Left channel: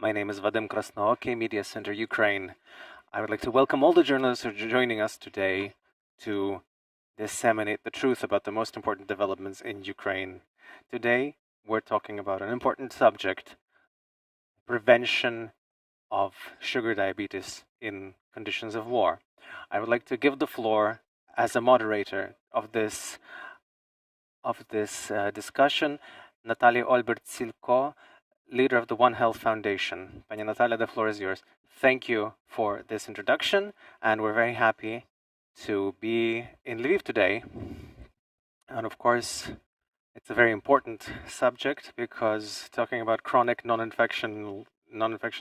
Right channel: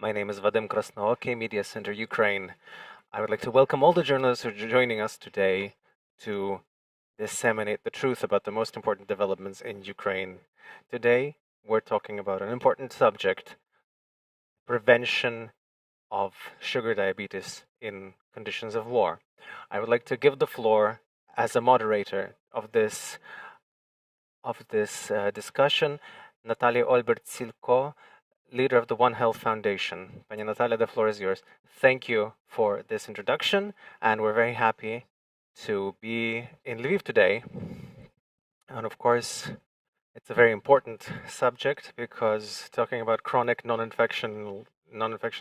My name is Vadim Krasnooky, Media Center Ukraine. I would like to welcome all the journalists who are joining us today to disseminate the truth about the most important developments in Ukraine. Today, we're talking about an important subject: prevention of sugar diabetes in conditions of war. I would like to give the floor as a moderator of this discussion, Natalia Olbert-Silko, leader of the One Health Foundation. Pani Natalia, the floor is yours. Thank you for this introduction, and we're very happy to be in Lviv today. And of course, it's a very important subject because talking about chronic non-infection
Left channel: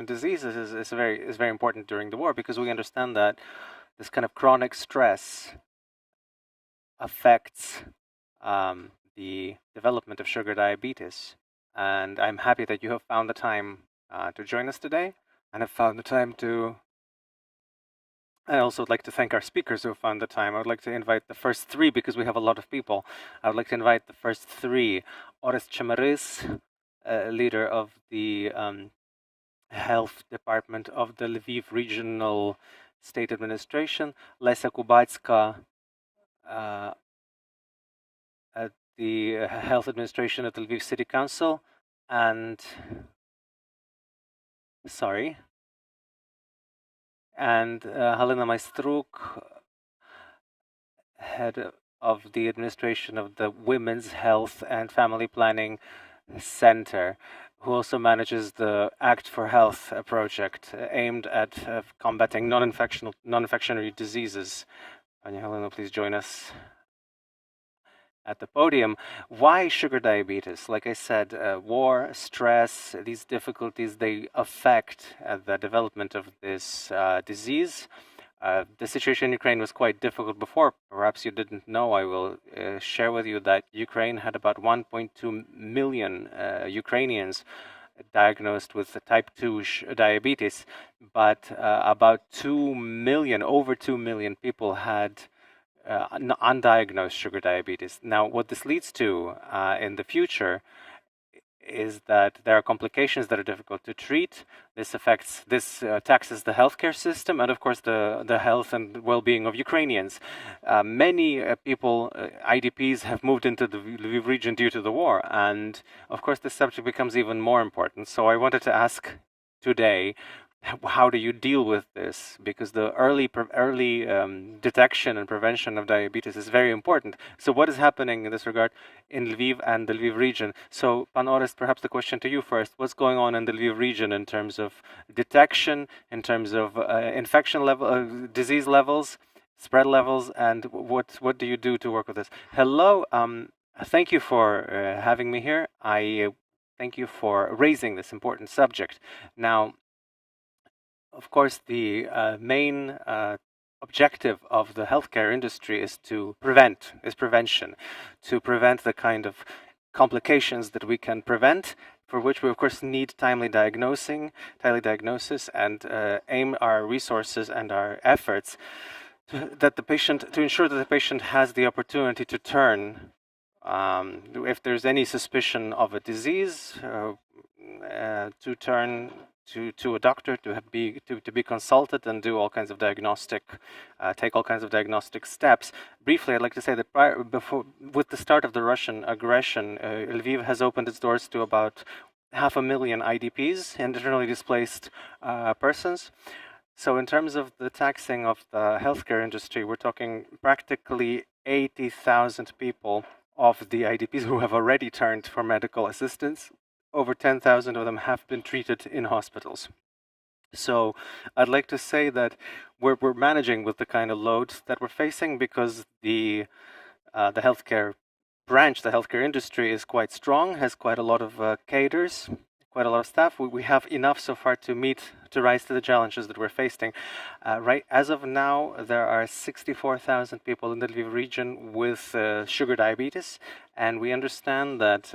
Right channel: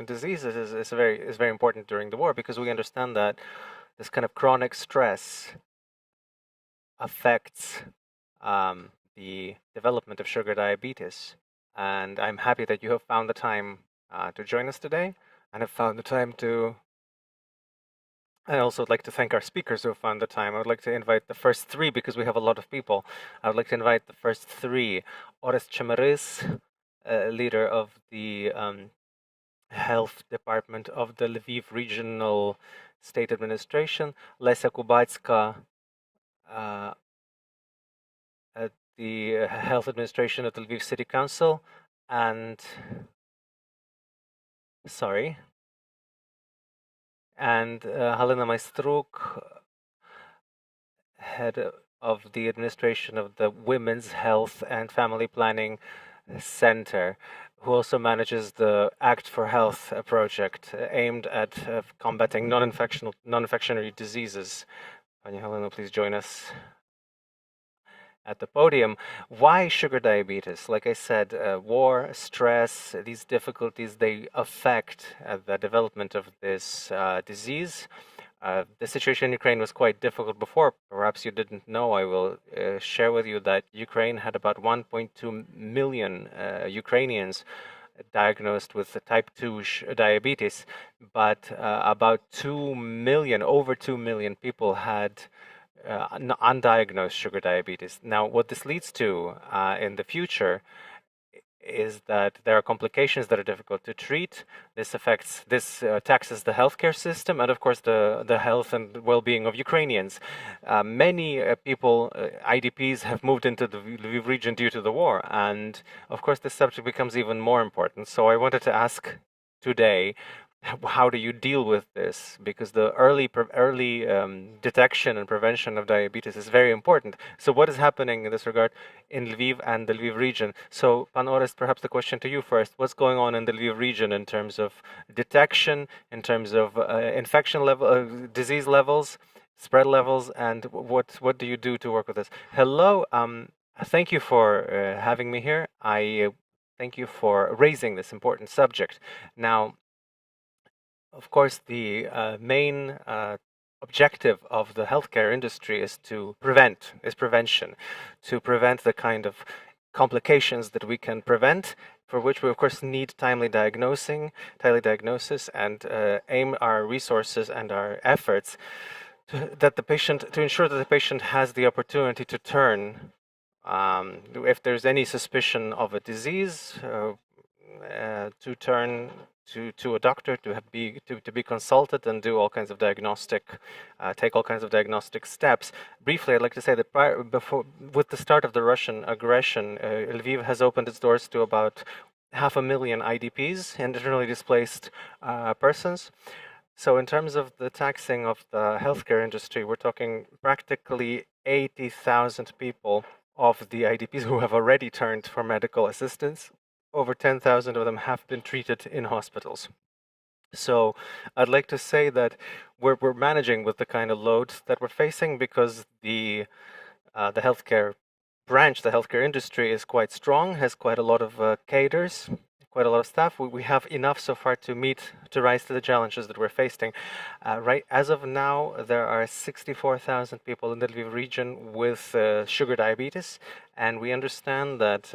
diseases is very important during the war, because we understand that this kind of chronic stress affects the development of sugar diabetes. And I'm happy that you have found the time to join us today, and have found the time to. I also would like to thank our speakers who have found the time. I would like to invite the first three, because we have a lot of people. I would like to invite the first three: Orest Chemerys, leader of the health department of the Lviv Regional State Administration; Lesya Kobetska, at the health administration at the Lviv City Council, and Halyna Maistruk, head of the administration of the Women's Health and Family Planning Center, who also manages the Act for Health project aimed at combating non-infectionary diseases. Pani Halyna, please join us at the podium. Why sugar diabetes? Like I said, war, stress, these difficulties, they affect the development of this disease. The situation in Ukraine was quite difficult before. Perhaps you didn't know. I will share with you that Ukraine had about 1.2 million Ukrainians diagnosed with type 2 diabetes, but about 2 million, over 2 million people had undiagnosed sugar diabetes. Now, what this leads to in the future is that there are complications that are difficult to treat. This taxes the healthcare system, and of course the health and well-being of Ukrainians. Many people, IDPs, have moved into the Lviv region due to the war, and of course this subject becomes even more important. So I wanted to ask today, how do you deal with this? Because the early detection and prevention of diabetes is very important. So what is happening in this regard in Lviv and the Lviv region? So, Pan Orest, perhaps the question to you first. What's going on in the Lviv region in terms of detection, in terms of infection level, disease levels, spread levels, and what do you do to work with this? Hello, thank you for having me here. I thank you for raising this important subject. Now, of course, the main objective of the healthcare industry is prevention, to prevent the kind of complications that we can prevent, for which we of course need timely diagnosis, and aim our resources and our efforts to ensure that the patient has the opportunity to turn, if there's any suspicion of a disease, to turn to a doctor, to be consulted and do all kinds of take all kinds of diagnostic steps. Briefly, I'd like to say that with the start of the Russian aggression, Lviv has opened its doors to about 500,000 IDPs, internally displaced persons. So in terms of the taxing of the healthcare industry, we're talking practically 80,000 people of the IDPs who have already turned for medical assistance. Over 10,000 of them have been treated in hospitals. So I'd like to say that we're managing with the kind of load that we're facing, because the healthcare branch, the healthcare industry, is quite strong, has quite a lot of cadres, quite a lot of staff. We have enough so far to rise to the challenges that we're facing. Right as of now, there are 64,000 people in the Lviv region with sugar diabetes, and we understand that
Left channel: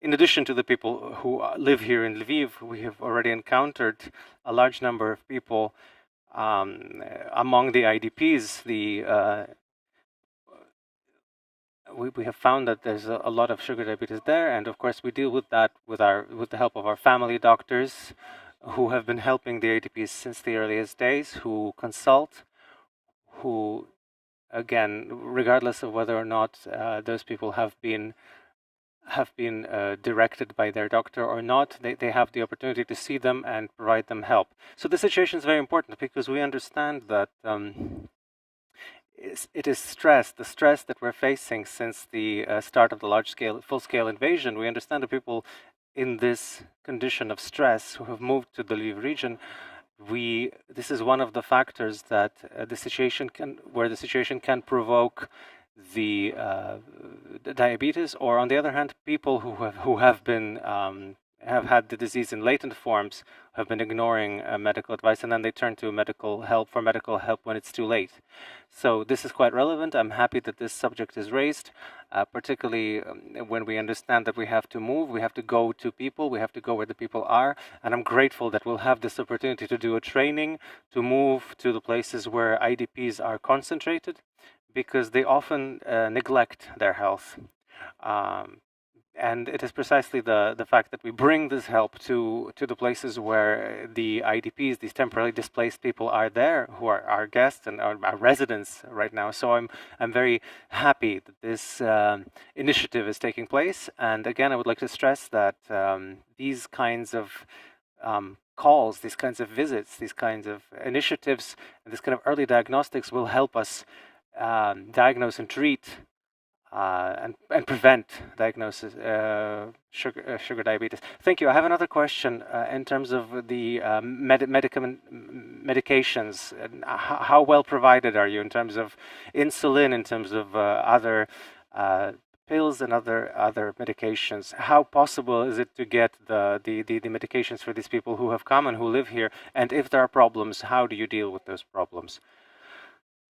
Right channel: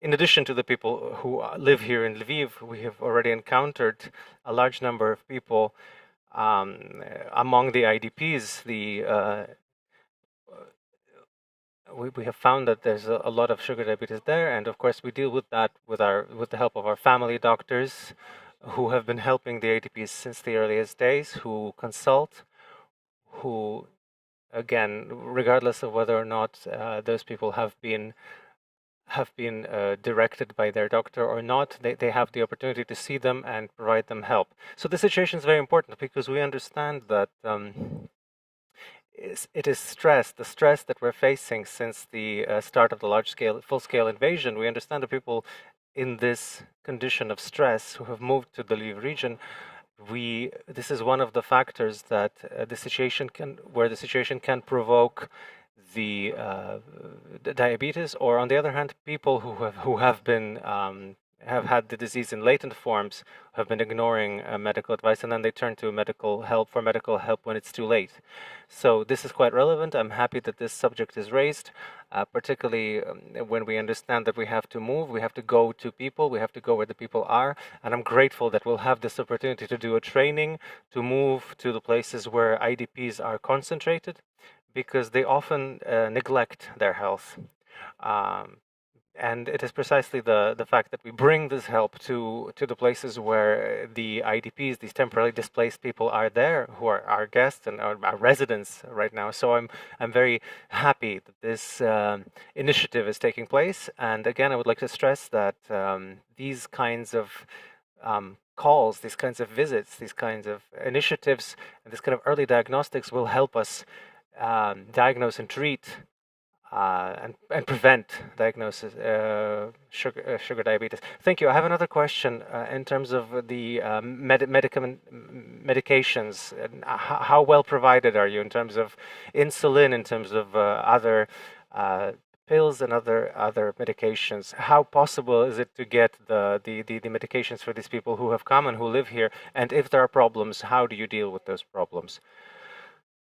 in addition to the people who live here in Lviv, we have already encountered a large number of people among the IDPs, we have found that there's a lot of sugar diabetes there, and of course we deal with that with the help of our family doctors, who have been helping the ADPs since the earliest days, who consult, who again, regardless of whether or not those people have been directed by their doctor or not, they have the opportunity to see them and provide them help. So the situation is very important because we understand that it is stress, the stress that we're facing since the start of the large-scale, full-scale invasion. We understand the people in this condition of stress who have moved to the Lviv region. This is one of the factors that where the situation can provoke the diabetes, or on the other hand, people who have had the disease in latent forms, have been ignoring medical advice, and then they turn to medical help when it's too late. So this is quite relevant. I'm happy that this subject is raised, particularly when we understand that we have to move, we have to go to people, we have to go where the people are, and I'm grateful that we'll have this opportunity to do a training, to move to the places where IDPs are concentrated, because they often neglect their health. And it is precisely the fact that we bring this help to the places where the IDPs, these temporarily displaced people, are there, who are our guests and our residents right now. So I'm very happy that this initiative is taking place. And again, I would like to stress that these kinds of calls, these kinds of visits, these kinds of initiatives, and this kind of early diagnostics will help us diagnose and treat and prevent diagnosis sugar diabetes. Thank you. I have another question in terms of the medications. How well provided are you in terms of insulin, in terms of other pills and other medications? How possible is it to get the medications for these people who have come and who live here? And if there are problems, how do you deal with those problems?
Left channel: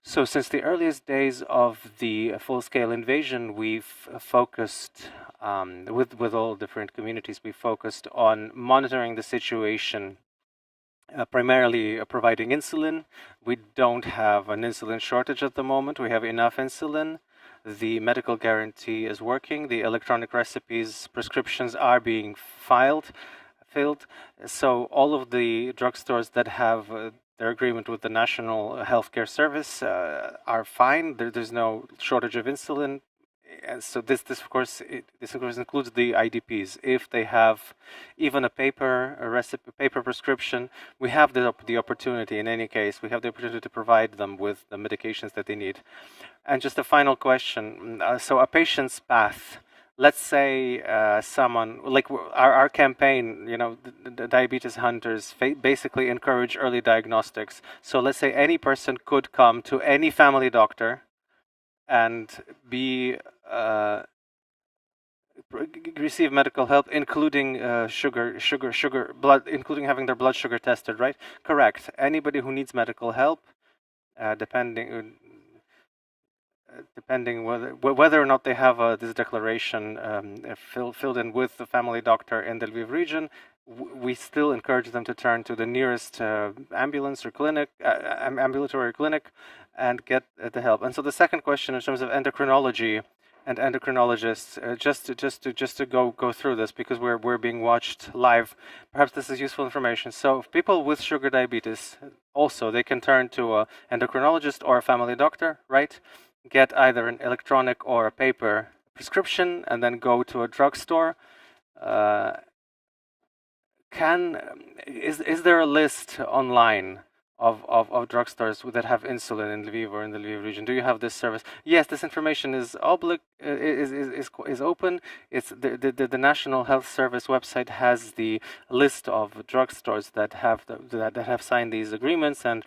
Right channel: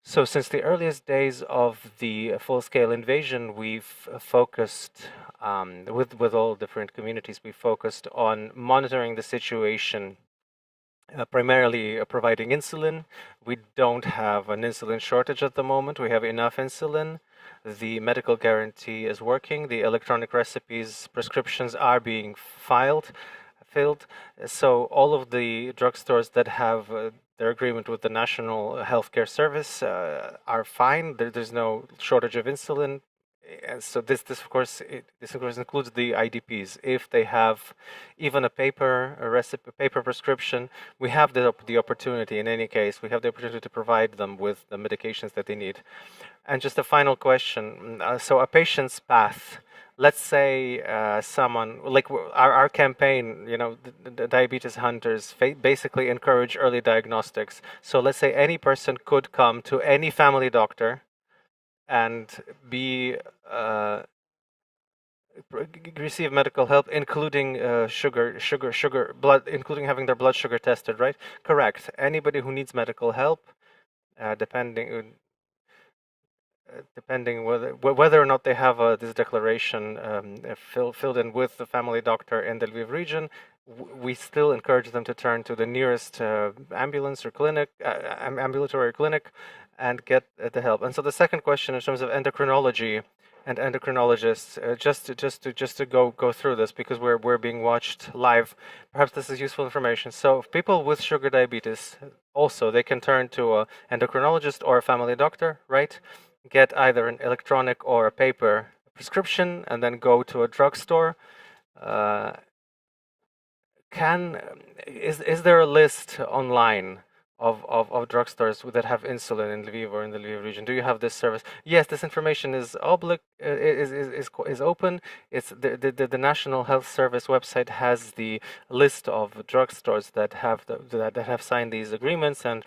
So since the earliest days of the full-scale invasion, we've focused, with all different communities, we focused on monitoring the situation, primarily providing insulin. We don't have an insulin shortage at the moment. We have enough insulin. The medical guarantee is working. The electronic recipes, prescriptions are being filled. So all of the drugstores that have their agreement with the National Healthcare Service are fine. There's no shortage of insulin. And so this of course includes the IDPs. If they have even a paper prescription, we have the opportunity. In any case, we have the opportunity to provide them with the medications that they need. And just a final question: so a patient's path. Let's say someone like our campaign, the diabetes hunters basically encourage early diagnostics. So let's say any person could come to any family doctor and receive medical help, including blood, including having their blood sugar tested, right? Correct. Anybody who needs medical help, depending whether or not they have this declaration filled in with the family doctor in the Lviv region, we still encourage them to turn to the nearest ambulance or clinic, ambulatory clinic, and get the help. And so the second question, in terms of endocrinology and endocrinologists, just to go through this, because we're being watched live. Perhaps this is useful information. So people with sugar diabetes, also they can turn to an endocrinologist or a family doctor, right? Get either an electronic or a paper prescription, and then go to a drugstore. Is there a list online of drugstores that have insulin in Lviv or in the Lviv region? Do you have this service? Yes, this information is open. It's the National Health Service website has the list of drugstores that have signed these agreements, and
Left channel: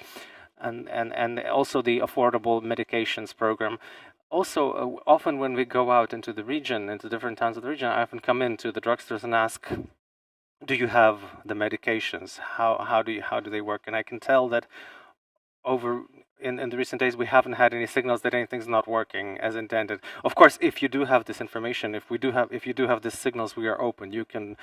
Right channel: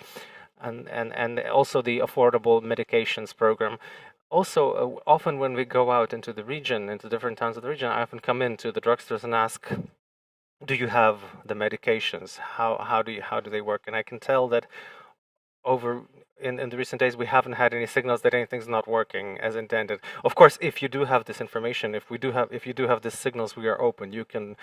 also the affordable medications program. Also, often when we go out into the region, into different towns of the region, I often come into the drugstores and ask, do you have the medications? How do they work? And I can tell that in the recent days, we haven't had any signals that anything's not working as intended. Of course, if you do have this information, if you do have these signals, we are open. You can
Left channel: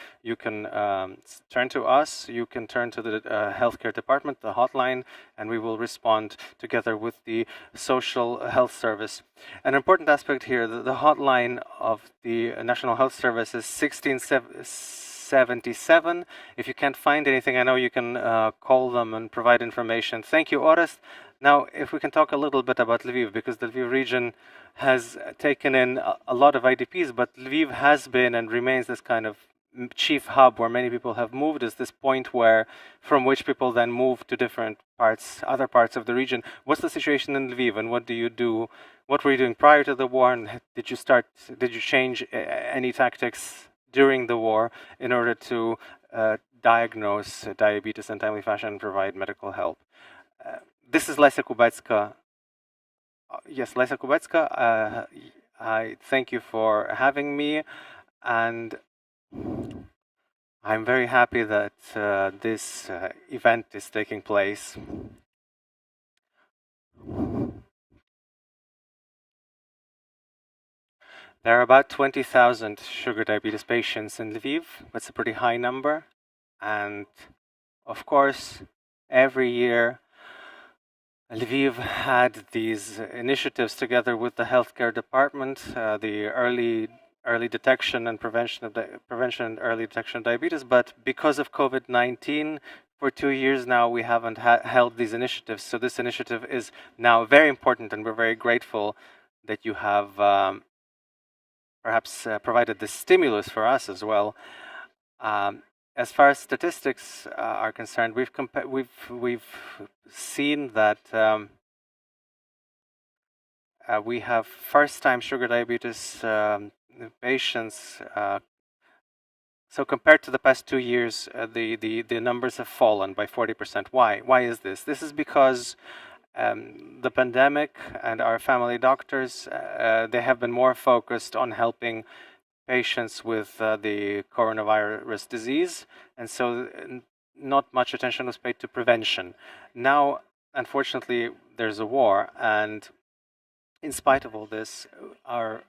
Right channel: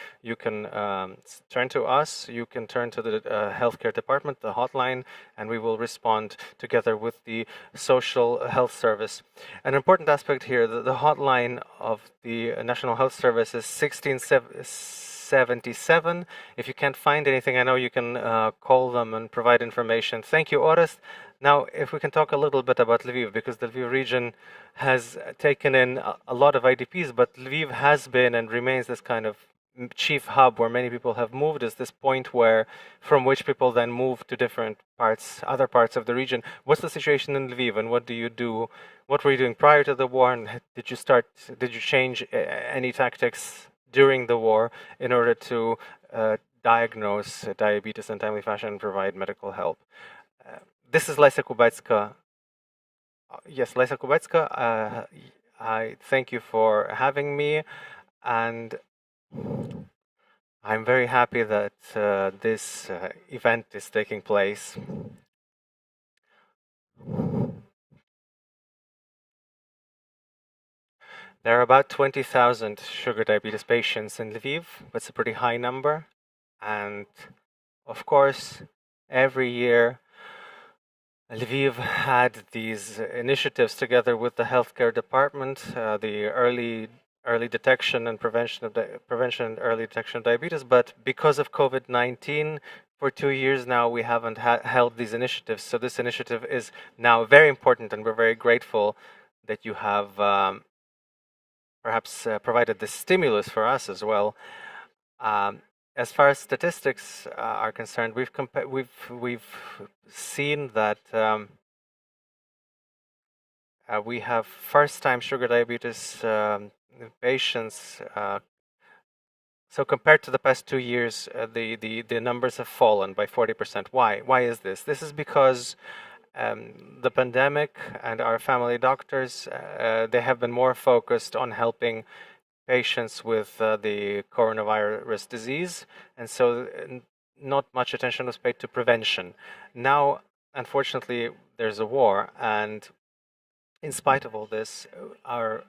turn to us. You can turn to the healthcare department, the hotline, and we will respond together with the social health service. An important aspect here: the hotline of the National Health Service is 1677. If you can't find anything, I know you can call them and provide information. Thank you, Orest. Now, if we can talk a little bit about Lviv, because the Lviv region has taken in a lot of IDPs, but Lviv has been and remains this kind of chief hub where many people have moved, is this point where from which people then move to different parts, other parts of the region. What's the situation in Lviv, and what do you do? What were you doing prior to the war, and did you change any tactics during the war in order to diagnose diabetes in timely fashion and provide medical help? This is Lesya Kobetska. Yes, Lesya Kobetska. I thank you for having me, and I'm very happy that this event is taking place. There are about 20,000 sugar diabetes patients in Lviv. That's a pretty high number. And of course, every year, Lviv had these initiatives together with the healthcare department, the early detection and prevention of and early detection of diabetes. But because of COVID-19, for 2 years now, we haven't held these initiatives. So this initiative is now very important, and we're very grateful that you have perhaps provided this stimulus for us as well. As far as statistics are concerned, we've seen that we have first-time sugar diabetes patients. So compared to the past 2 years, the numbers have fallen by 40%. Why? Why is this? This is because the pandemic and our family doctors, they have been more focused on helping patients with the coronavirus disease, and so not much attention was paid to prevention. Now, unfortunately, there's a war, and in spite of all this, our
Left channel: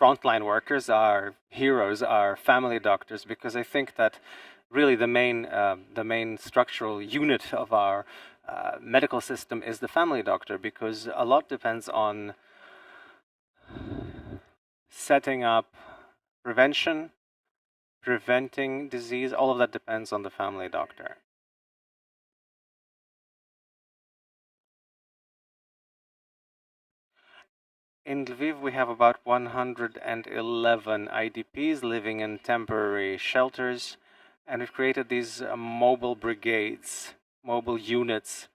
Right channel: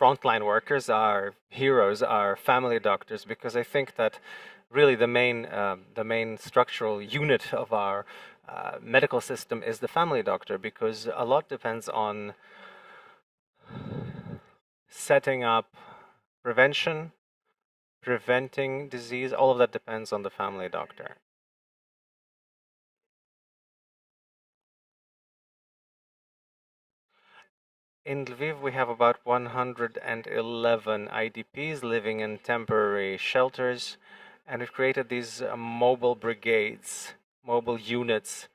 frontline workers, our heroes, our family doctors, because I think that really the main structural unit of our medical system is the family doctor, because a lot depends on setting up prevention, preventing disease. All of that depends on the family doctor. In Lviv, we have about 111 IDPs living in temporary shelters, and we've created these mobile brigades, mobile units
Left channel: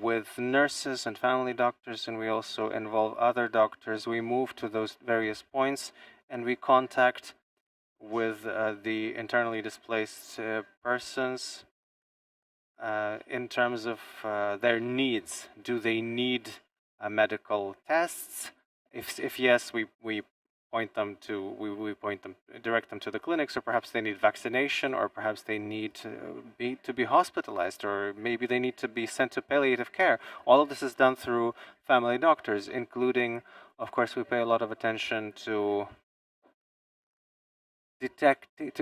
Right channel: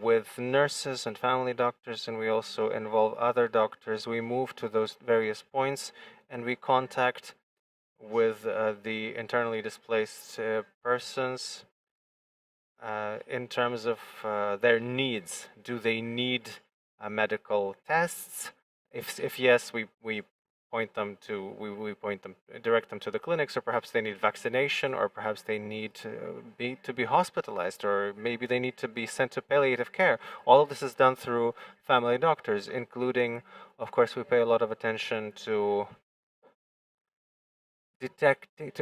with nurses and family doctors, and we also involve other doctors. We move to those various points, and we contact with the internally displaced persons in terms of their needs. Do they need medical tests? If yes, we point them to direct them to the clinics, or perhaps they need vaccination, or perhaps they need to be hospitalized, or maybe they need to be sent to palliative care. All of this is done through family doctors, including, of course, we pay a lot of attention to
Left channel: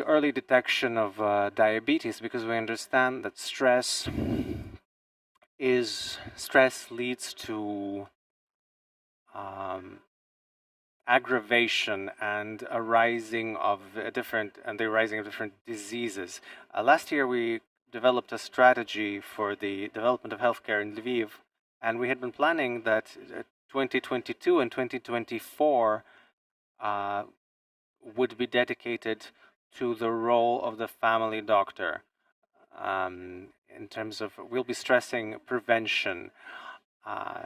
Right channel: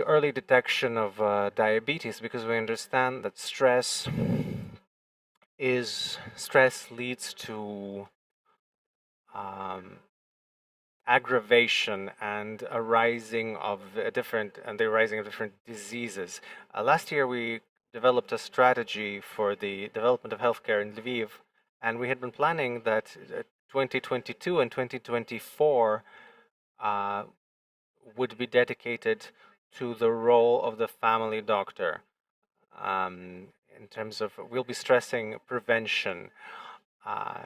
early detection of diabetes, because we understand that stress leads to aggravation and a rising of different diseases. Last year, we developed a strategy for the development of healthcare in Lviv, and we had been planning that 2022 and 2024 would be dedicated to the role of the family doctor. In terms of, we'll be stressing prevention.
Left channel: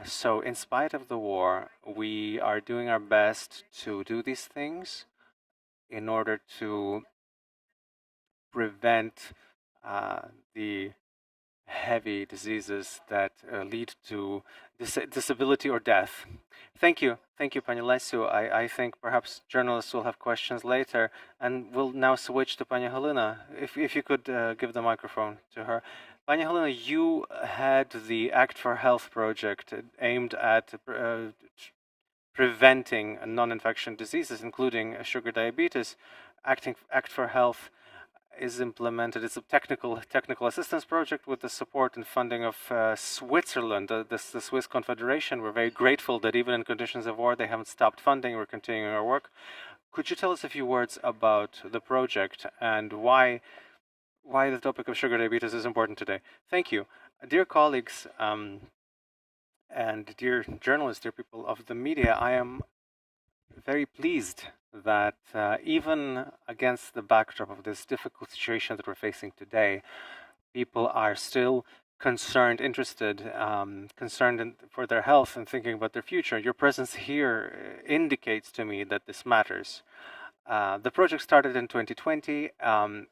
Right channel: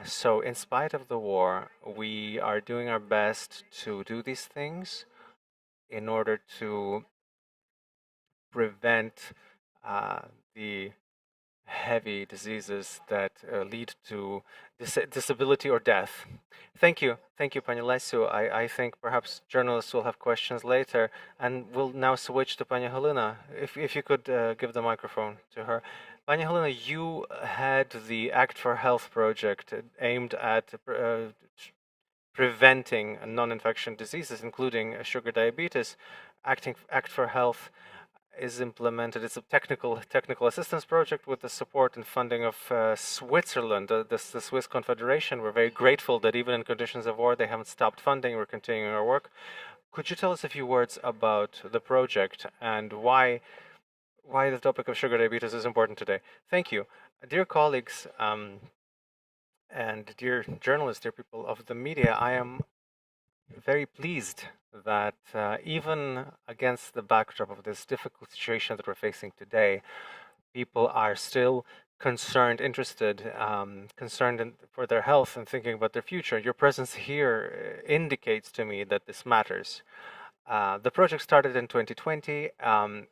So in spite of the war, we are doing our best to do these things in order to prevent the heavy diseases that lead to disability or death. Thank you, Pani Lesyu. I think perhaps journalists will have questions later, and we'll now switch to Pani Halyna. If you could give the microphone to her. Pani Halyna, you had the Act for Health project aimed at preventing non-infection diseases, including sugar diabetes. Act for Health is implemented. It's a technical assistance project with the support and funding of Switzerland, the Swiss Confederation. We're very grateful that even in conditions of war, they haven't stopped funding. We're continuing our work. Could you tell us a few words about the project and why the topic of sugar diabetes is important today? Thank you. Dear colleagues and dear journalists, dear people of the media, I am very pleased that even against the backdrop of this difficult situation that we're facing today, people are still concerned, interested, concerned for their health and thinking about their future. Your presence here indicates to me that this matters. The project started in 2020.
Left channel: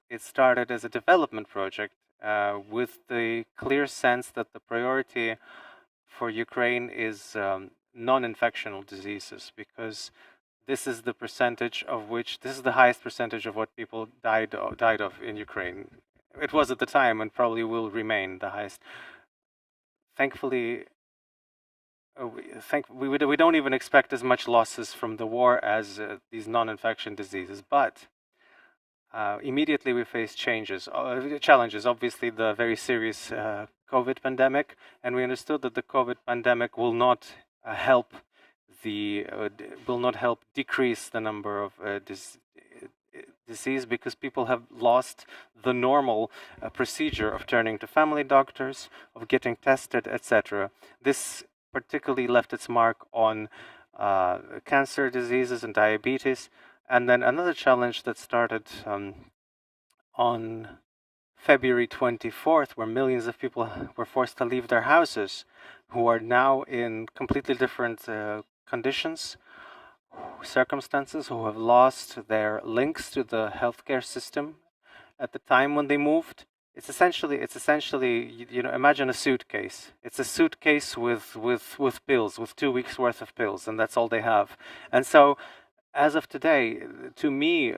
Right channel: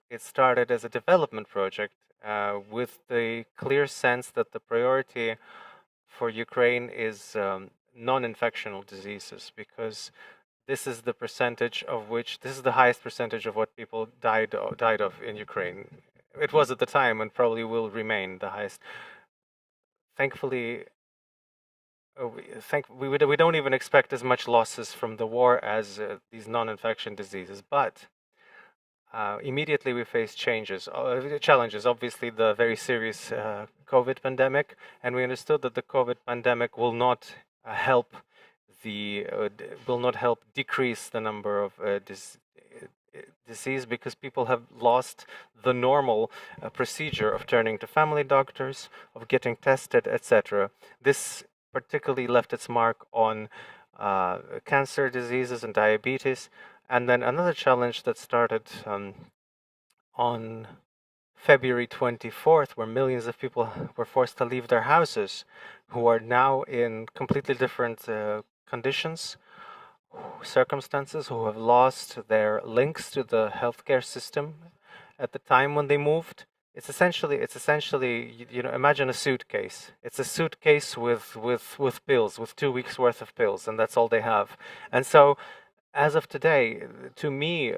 It started as a development project with the clear sense that the priority for Ukraine is non-infectional diseases, because this is the percentage of which, this is the highest percentage of what people died of in Ukraine. It was at the time and probably will remain the highest. Thankfully, we don't even expect as much losses from the war as these non-infection diseases, but immediately we face challenges. Obviously, the very serious COVID pandemic, and we understood that the COVID pandemic will not help decrease the number of disease, because people have lost the normal procedure of turning to family doctors, of getting tested, etc. This particularly left its mark on cancer diseases and diabetes. And then another challenge that started on February 24th, where millions of people were forced to leave their houses, who are now in completely different conditions, circumstances, who have lost their links to the healthcare system at the time when they moved. It's essentially, imagine a suitcase. It's a suitcase with pills, with 2 weeks worth of pills, and that's all they have. And so, as of today, to me,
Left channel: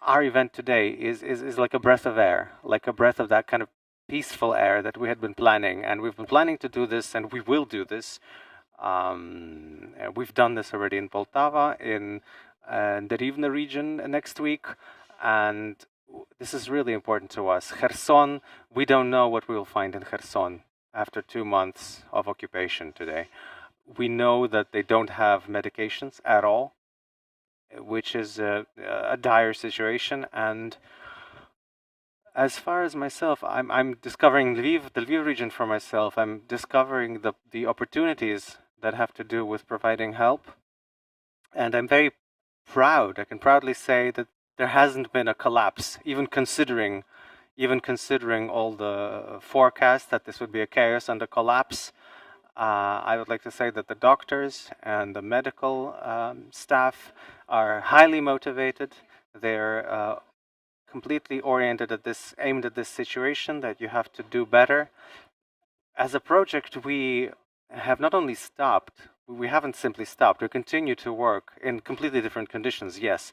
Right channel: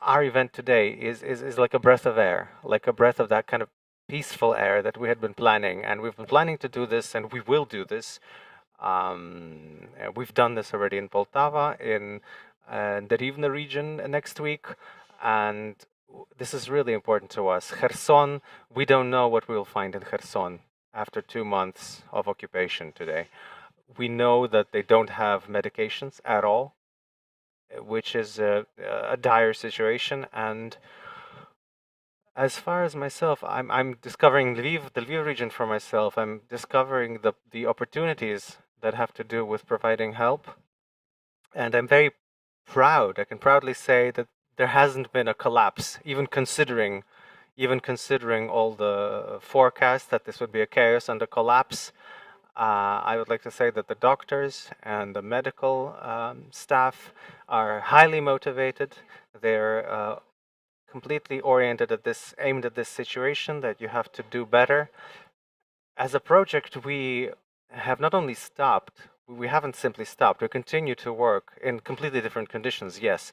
our event today is like a breath of air, like a breath of that kind of peaceful air that we had been planning. And we've been planning to do this, and we will do this. We've done this already in Poltava, in the Rivne region next week, and this is really important to us. Kherson, we don't know what we will find in Kherson after 2 months of occupation today. We know that they don't have medications at all, which is a dire situation. And as far as myself, I'm discovering the Lviv region for myself. I'm discovering the opportunities that have to do with providing help. And I'm very proud. I can proudly say that there hasn't been a collapse, even considering all the forecasts that this would be a chaos and a collapse. I would like to say that the doctors and the medical staff are highly motivated. They're completely oriented at this, aimed at this situation, that you have to do better. As a project, we have not only stopped, we haven't simply stopped, we continue to work in completely different conditions, yes.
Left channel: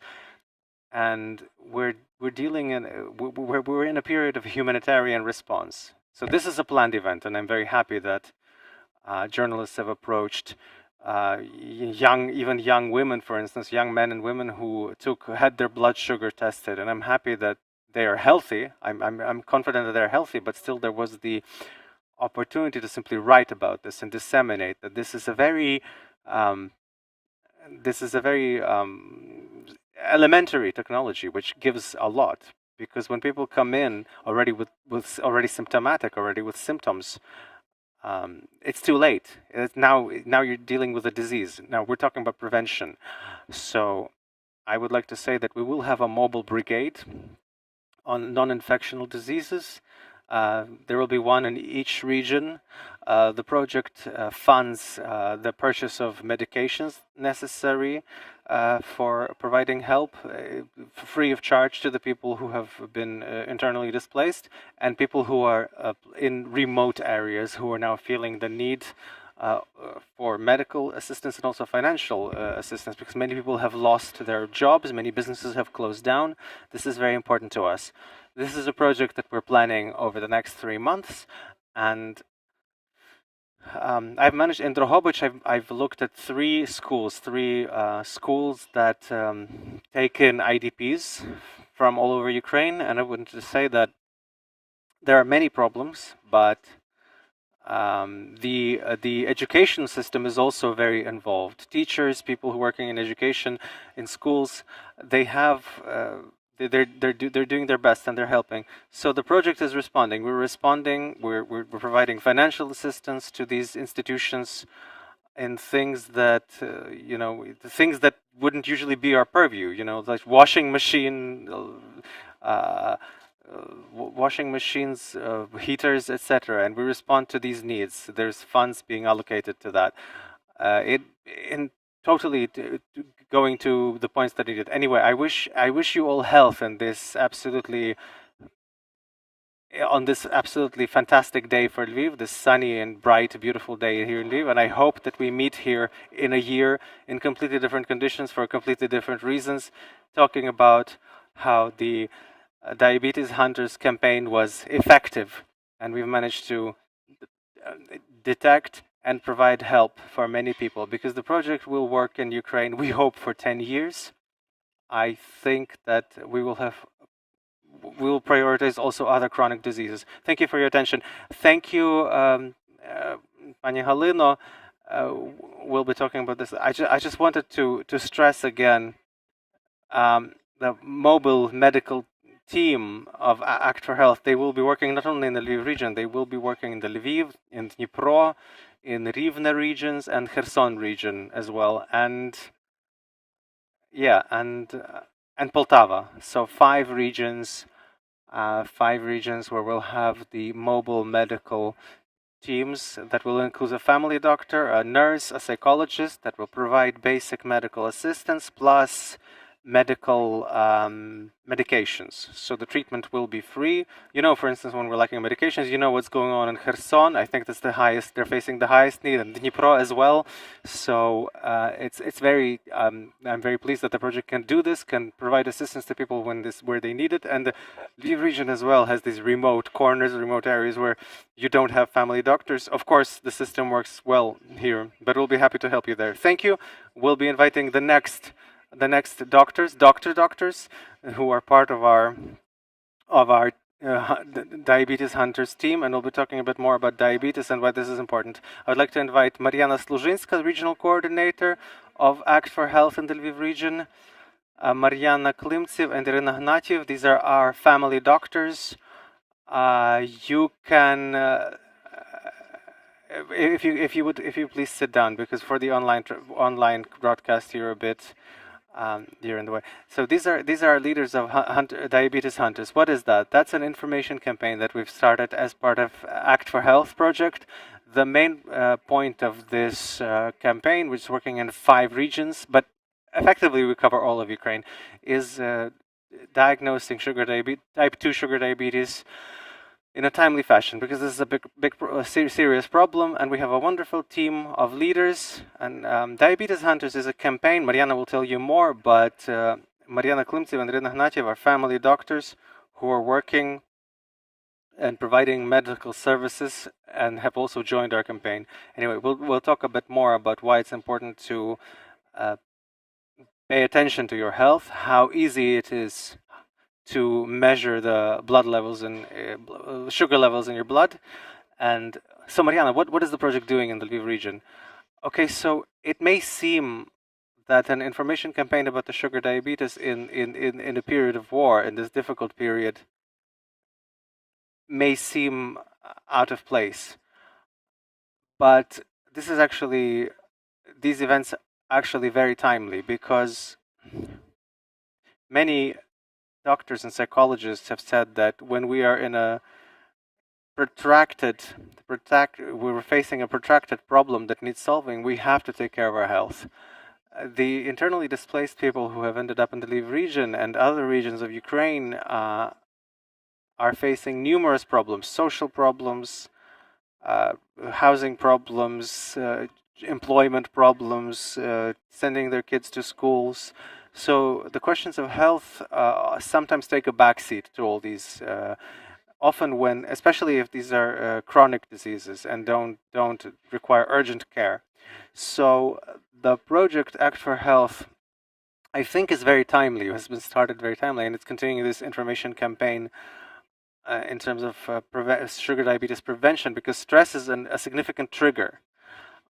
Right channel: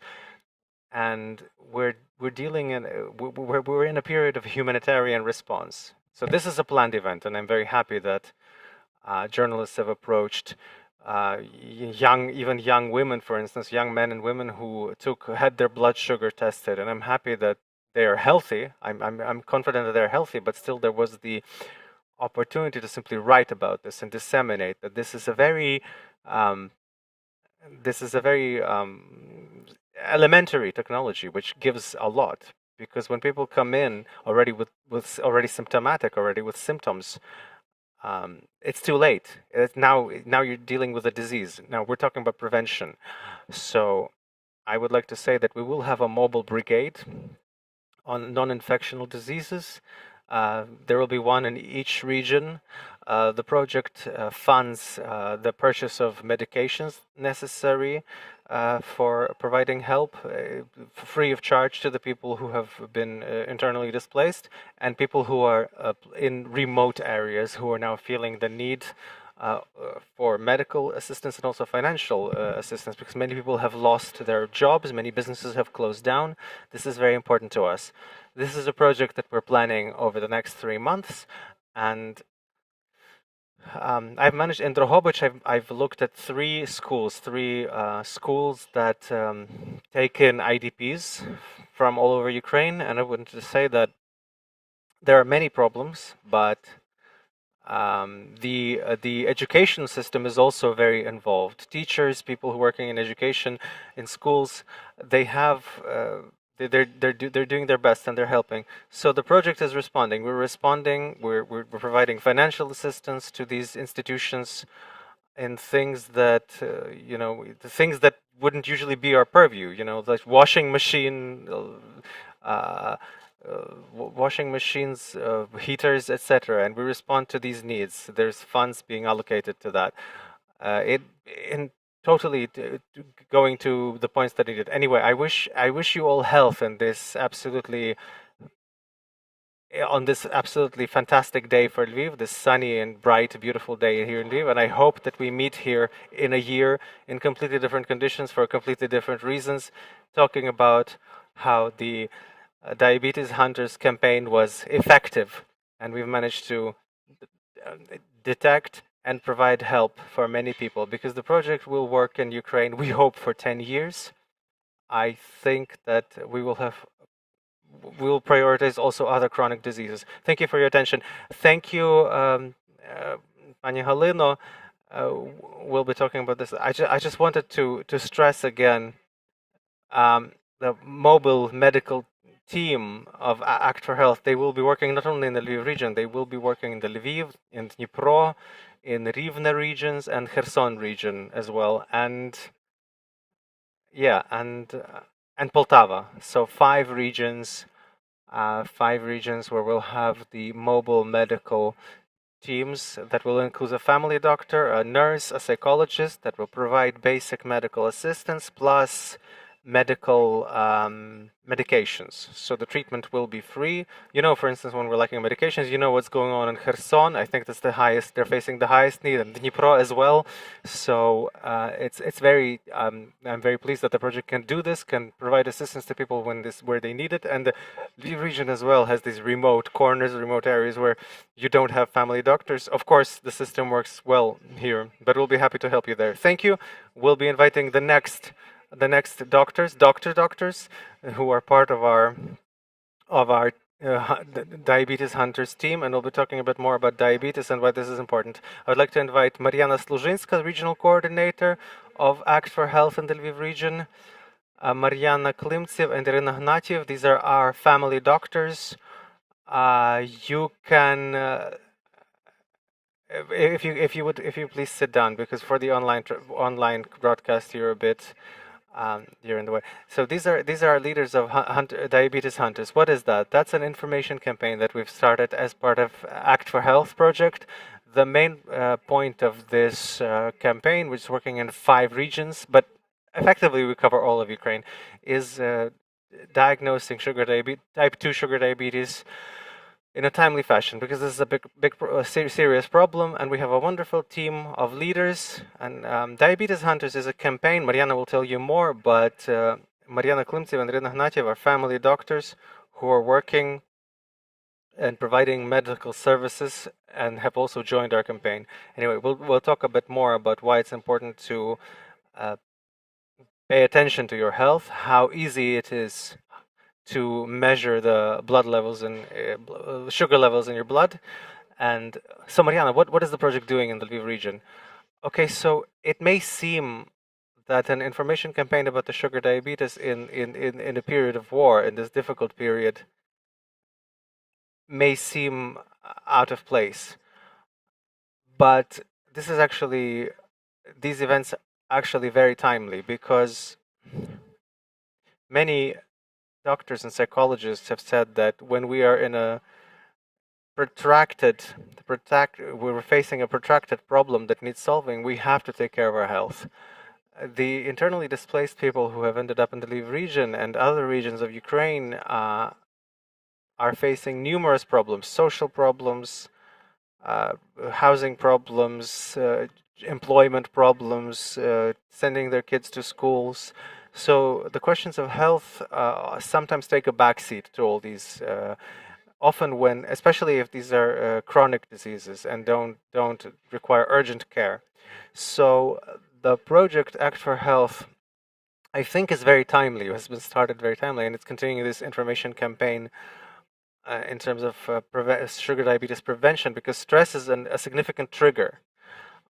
And we're dealing in, we're in a period of humanitarian response. So this is a planned event, and I'm very happy that journalists have approached even young women, for instance, young men and women who had their blood sugar tested, and I'm happy that they are healthy. I'm confident that they're healthy, but still there was the opportunity to simply write about this and disseminate that this is a very elementary technology, which gives a lot. Because when people come in already already symptomatic, already with symptoms, it's too late. Now you're dealing with a disease. Now we're talking about prevention. So I would like to say that we will have a mobile brigade on non-infectional diseases. There will be one in each region. The project funds the purchase of medications necessary for providing help free of charge to the people who have been internally displaced and people who are in remote areas who are now feeling the need for medical assistance and also financial assistance, because many people have lost their jobs, many businesses have closed down. This is very important to us. This is a project that we're planning over the next 3 months, and I've managed in Drohobych. I've looked at three schools that take in IDPs from all over Ukraine, and I wanted to say that there are many problems, but the education system is also very involved. Teachers, people who are working in education, in schools, they have they're doing their best and they're helping. So the project is responding. We're responding. We're providing financial assistance to these institutions in things that the things that wouldn't usually be our purview. Like washing machine. Washing machines, heaters, etc., and we respond to these needs. There's funds being allocated to that. It in totally going to the points that needed. Anyway, I wish you all health and on this absolutely fantastic day for Lviv, this sunny and bright, beautiful day here in Lviv, and I hope that we meet here in a year in completely different conditions for completely different reasons, talking about how the Diabetes Hunters campaign was effective, and we've managed to detect and provide help for many people, because the project will work in Ukraine, we hope, for 10 years. I think that we will prioritize also other chronic diseases. Thank you for your attention. Thank you, Pani Halyna. We'll be talking about this. I just wanted to stress again the mobile medical team of Act for Health. They will be working not only in the Lviv region, they will be working in the Lviv, in Dnipro, in Rivne regions, and Kherson region as well. And yeah, and Poltava. So 5 regions where we'll have the mobile medical teams that will include a family doctor, a nurse, a psychologist that will provide basic medical assistance, plus medical medications. So the treatment will be free. For instance, when we're lacking medications, what's going on in Kherson. I think that's they're facing the highest need, and Dnipro as well. So it's very, I'm very pleased that the project can do this, can provide assistance to people where they need it. And the Lviv region as well has these remote corners, remote areas where you don't have family doctors. Of course, the system works well here, but we'll be happy to help you there. Thank you. We'll be inviting the next doctors who are part of our Diabetes Hunters team, and we'll be talking a bit more about diabetes and why this is important. I would like to invite Maryana Sluzhinska, regional coordinator of Act for Health in the Lviv region, Maryana Klymtsiv and Iryna Hnativ. These are our family doctors. You can if you please sit down, because for the online broadcast you're a bit you're in the way. So these are leaders of Diabetes Hunters. What is that? That's an information campaign that we've started as part of Act for Health project. The main point of this campaign, which is working in 5 regions, but effectively we cover all of Ukraine, is diagnosing type 2 sugar diabetes in a timely fashion, because this is a serious problem, and we have a wonderful team of leaders. And Diabetes Hunters is a campaign. Maryana will tell you more, but Maryana Klymtsiv and Iryna Hnativ are family doctors who are working and providing medical services and have also joined our campaign. Anyway, we'll talk a bit more about why it's important to pay attention to your health, how easy it is to measure the blood levels and sugar levels in your blood. And so, Maryana, what is the project doing in the Lviv region? Okay, so it may seem that an information campaign about the sugar diabetes in a period of war, in this difficult period, may seem out of place. But these events are actually very timely, because many doctors and psychologists have said that when we are in a we're facing a protracted problem that needs solving, we have to take care of our health. The internally displaced people who have ended up in the Lviv region and other regions of Ukraine are facing numerous problems, social problems, housing problems, employment problems, sending their kids to schools. So the questions of health sometimes take a backseat to all these. Often, when, especially if these are chronic diseases and don't require urgent care. So the project Act for Health, I think, is very timely. It has been started very timely, and it's continuing this information campaign in terms of sugar diabetes prevention, because stress is a significant trigger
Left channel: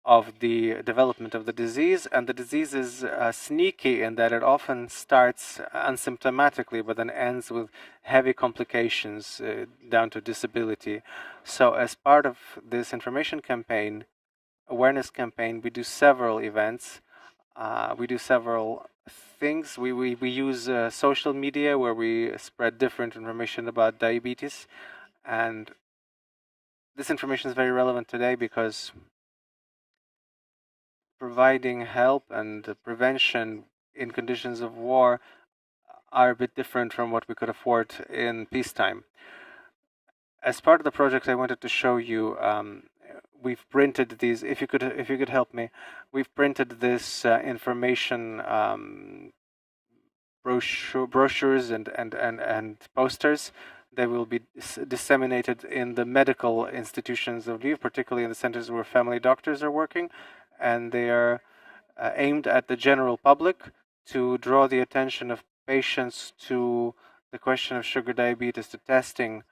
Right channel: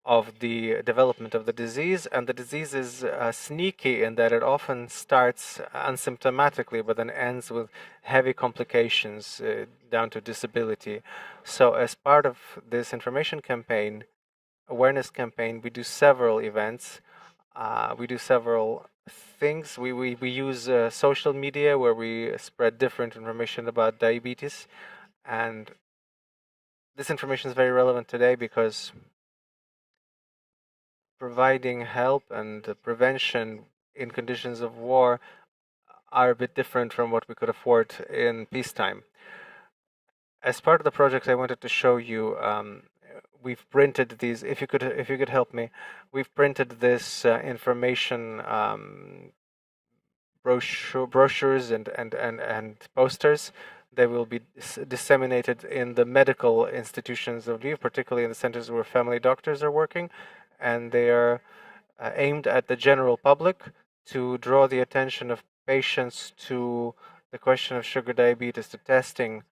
of the development of the disease, and the disease is sneaky in that it often starts asymptomatically but then ends with heavy complications down to disability. So as part of this information campaign, awareness campaign, we do several events, we do several things. We use social media where we spread different information about diabetes, and this information is very relevant today because providing help and prevention in conditions of war are a bit different from what we could afford in peacetime. As part of the project, I wanted to show you. We've printed these. If you could help me, we've printed this information brochures and posters. They will be disseminated in the medical institutions of Lviv, particularly in the centers where family doctors are working, and they are aimed at the general public to draw the attention of patients to the question of sugar diabetes, to testing.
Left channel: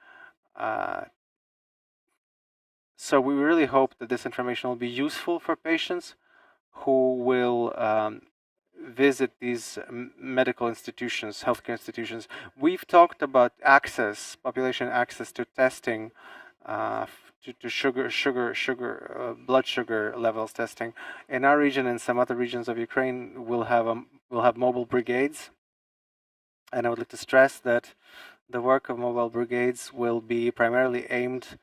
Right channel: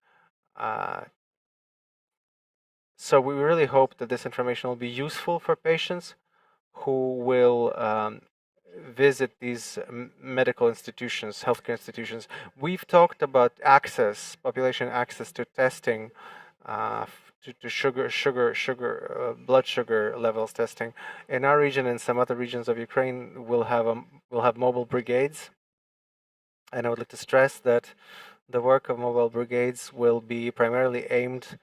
So we really hope that this information will be useful for patients who will visit these medical institutions, healthcare institutions. We've talked about access, population access to testing, to blood sugar levels testing. In our region and some other regions of Ukraine, we'll have mobile brigades, and I would like to stress that the work of mobile brigades will be primarily aimed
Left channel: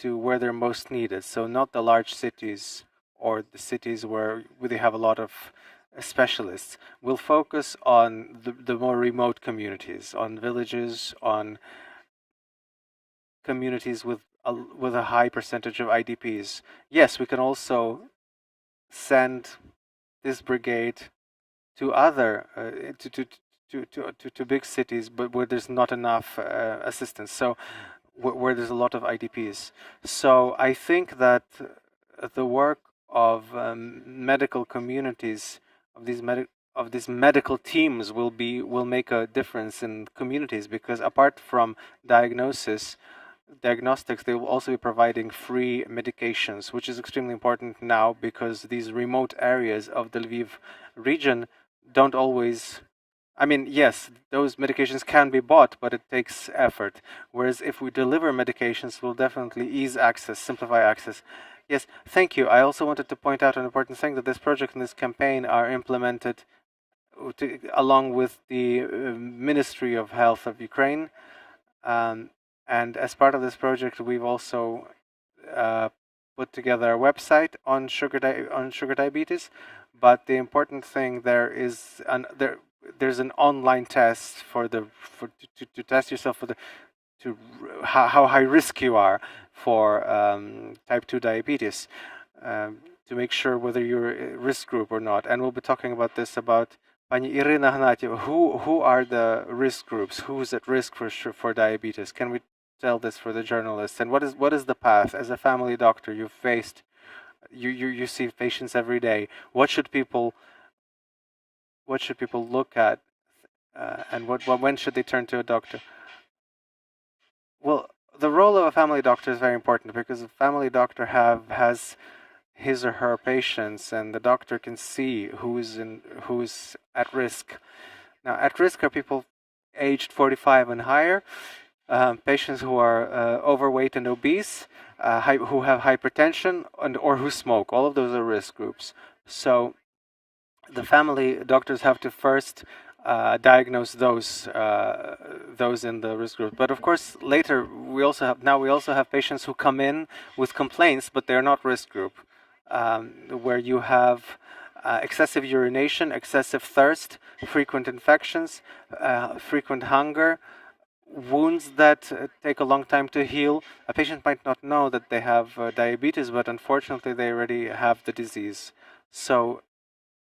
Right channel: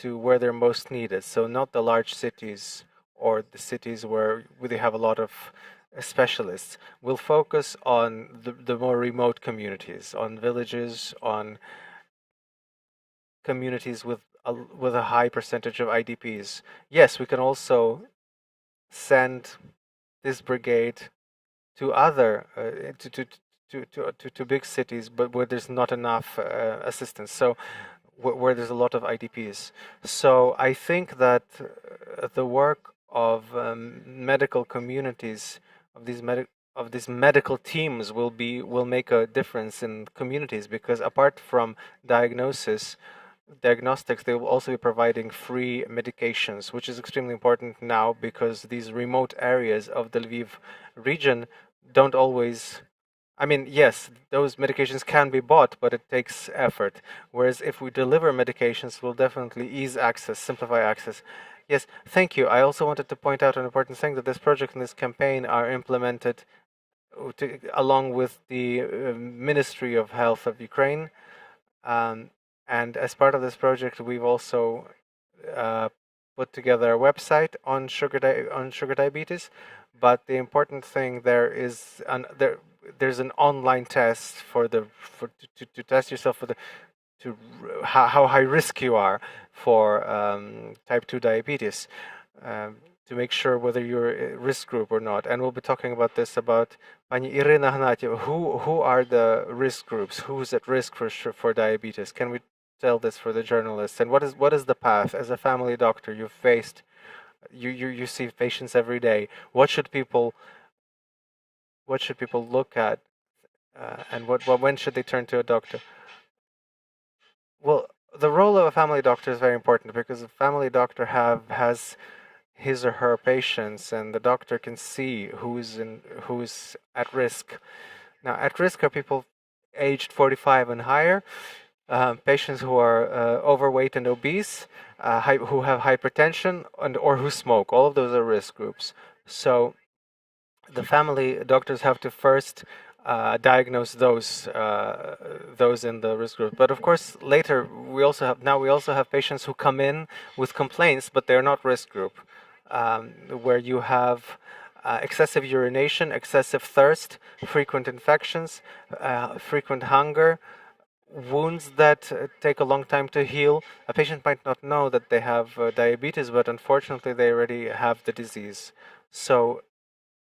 to where they're most needed. So not the large cities or the cities where they have a lot of specialists. We'll focus on the more remote communities, on villages, on communities with a high percentage of IDPs. Yes, we can also send this brigade to other to big cities, but where there's not enough assistance. So where there's a lot of IDPs. So I think that the work of medical communities, of these medical teams, will make a difference in communities, because apart from diagnostics, they will also be providing free medications, which is extremely important now because these remote areas of the Lviv region don't always. I mean, yes, those medications can be bought, but it takes effort. Whereas if we deliver medications, we'll definitely ease access, simplify access. Yes, thank you. I also wanted to point out an important thing, that this project and this campaign are implemented along with the Ministry of Health of Ukraine. And as part of this project, we've also put together a website on sugar diabetes. But the important thing there is there's an online test to test yourself for how high risk you are for type 2 diabetes, to make sure whether you're a risk group or not. And we'll be talking about this about Pani Iryna, Hnativ. Who are the risk groups? Who's at risk for diabetes? Can we tell this for the journalists? And what is the path? As a family doctor, you've faced, you see patients every day. What should people look at, and when should they turn to a doctor? Well, the role of a family doctor is very important, because a family doctor has his or her patients, and the doctor can see who's at risk. Now, at risk are people aged 45 and higher, patients who are overweight and obese, who have hypertension, or who smoke. All of those are risk groups. So the family doctors have to first diagnose those in the risk group. But of course, later we also have patients who come in with complaints, but they're not risk group, where you have excessive urination, excessive thirst, frequent infections, frequent hunger, wounds that take a long time to heal. A patient might not know that they have diabetes, but unfortunately they already have the disease. So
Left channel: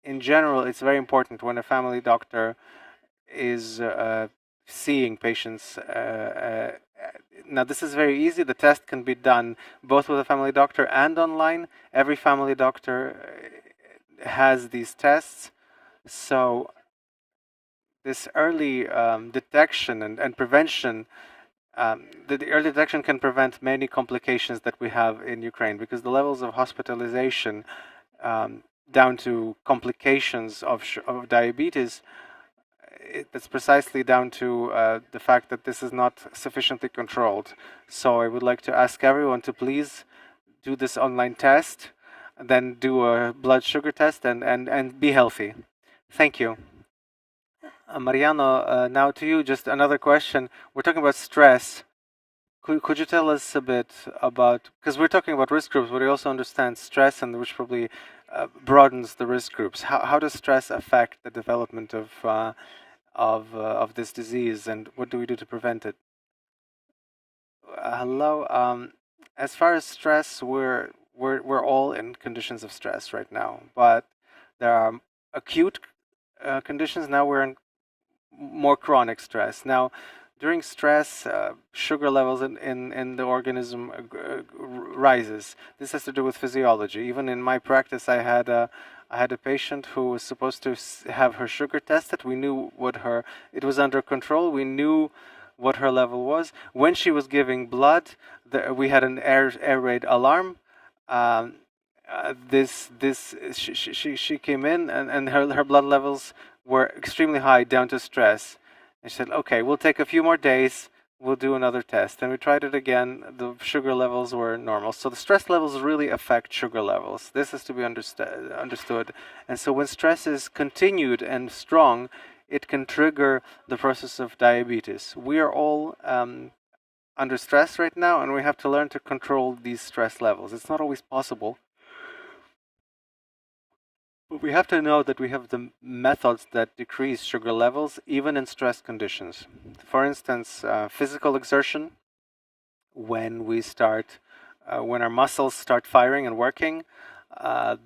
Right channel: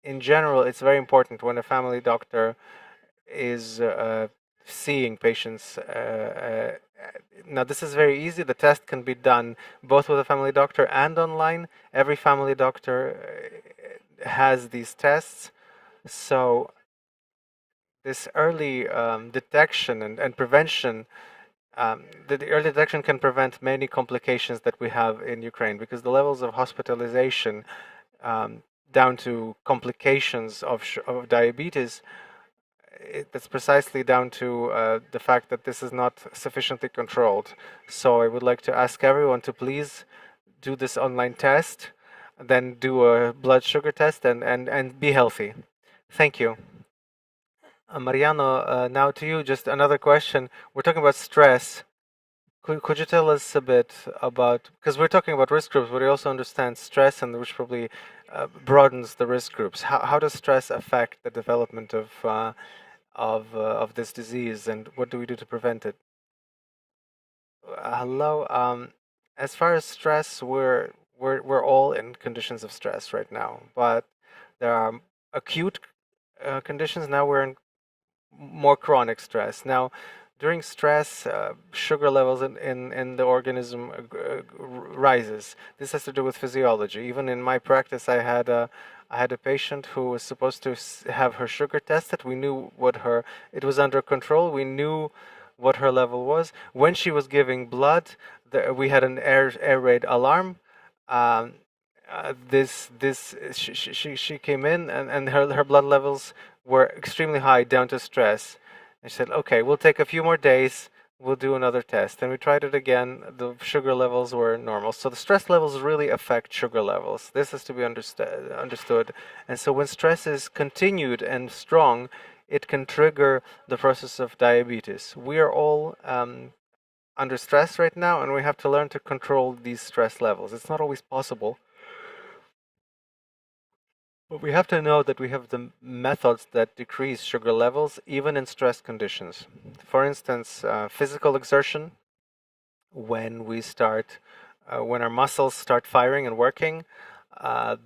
in general, it's very important when a family doctor is seeing patients. Now, this is very easy. The test can be done both with a family doctor and online. Every family doctor has these tests. So, this early detection and prevention, the early detection can prevent many complications that we have in Ukraine because the levels of hospitalization down to complications of diabetes, that's precisely down to the fact that this is not sufficiently controlled. So I would like to ask everyone to please do this online test, and then do a blood sugar test, and be healthy. Thank you. Mariano, now to you, just another question. We're talking about stress. Could you tell us a bit about, because we're talking about risk groups, but we also understand stress, and which probably broadens the risk groups. How does stress affect the development of this disease, and what do we do to prevent it? Hello. As far as stress, we're all in conditions of stress right now, but there are acute conditions. Now we're in more chronic stress. Now, during stress, sugar levels in the organism rises. This has to do with physiology. Even in my practice, I had a patient who was supposed to have her sugar tested. We knew what her, it was under control. We knew what her level was. When she was giving blood, we had an air raid alarm. Um, she came in, and her blood levels were extremely high, down to stress. And she said, "Okay, we'll take a few more days. We'll do another test." And we tried it again. The sugar levels were normal. So the stress levels really affect sugar levels. This is to be understood. And so when stress is continued and strong, it can trigger the process of diabetes. We are all under stress right now, and we have to learn to control these stress levels. It's not always possible, but we have to know that we have the methods that decrease sugar levels even in stress conditions. For instance, physical exertion, when we start, when our muscles start firing and working,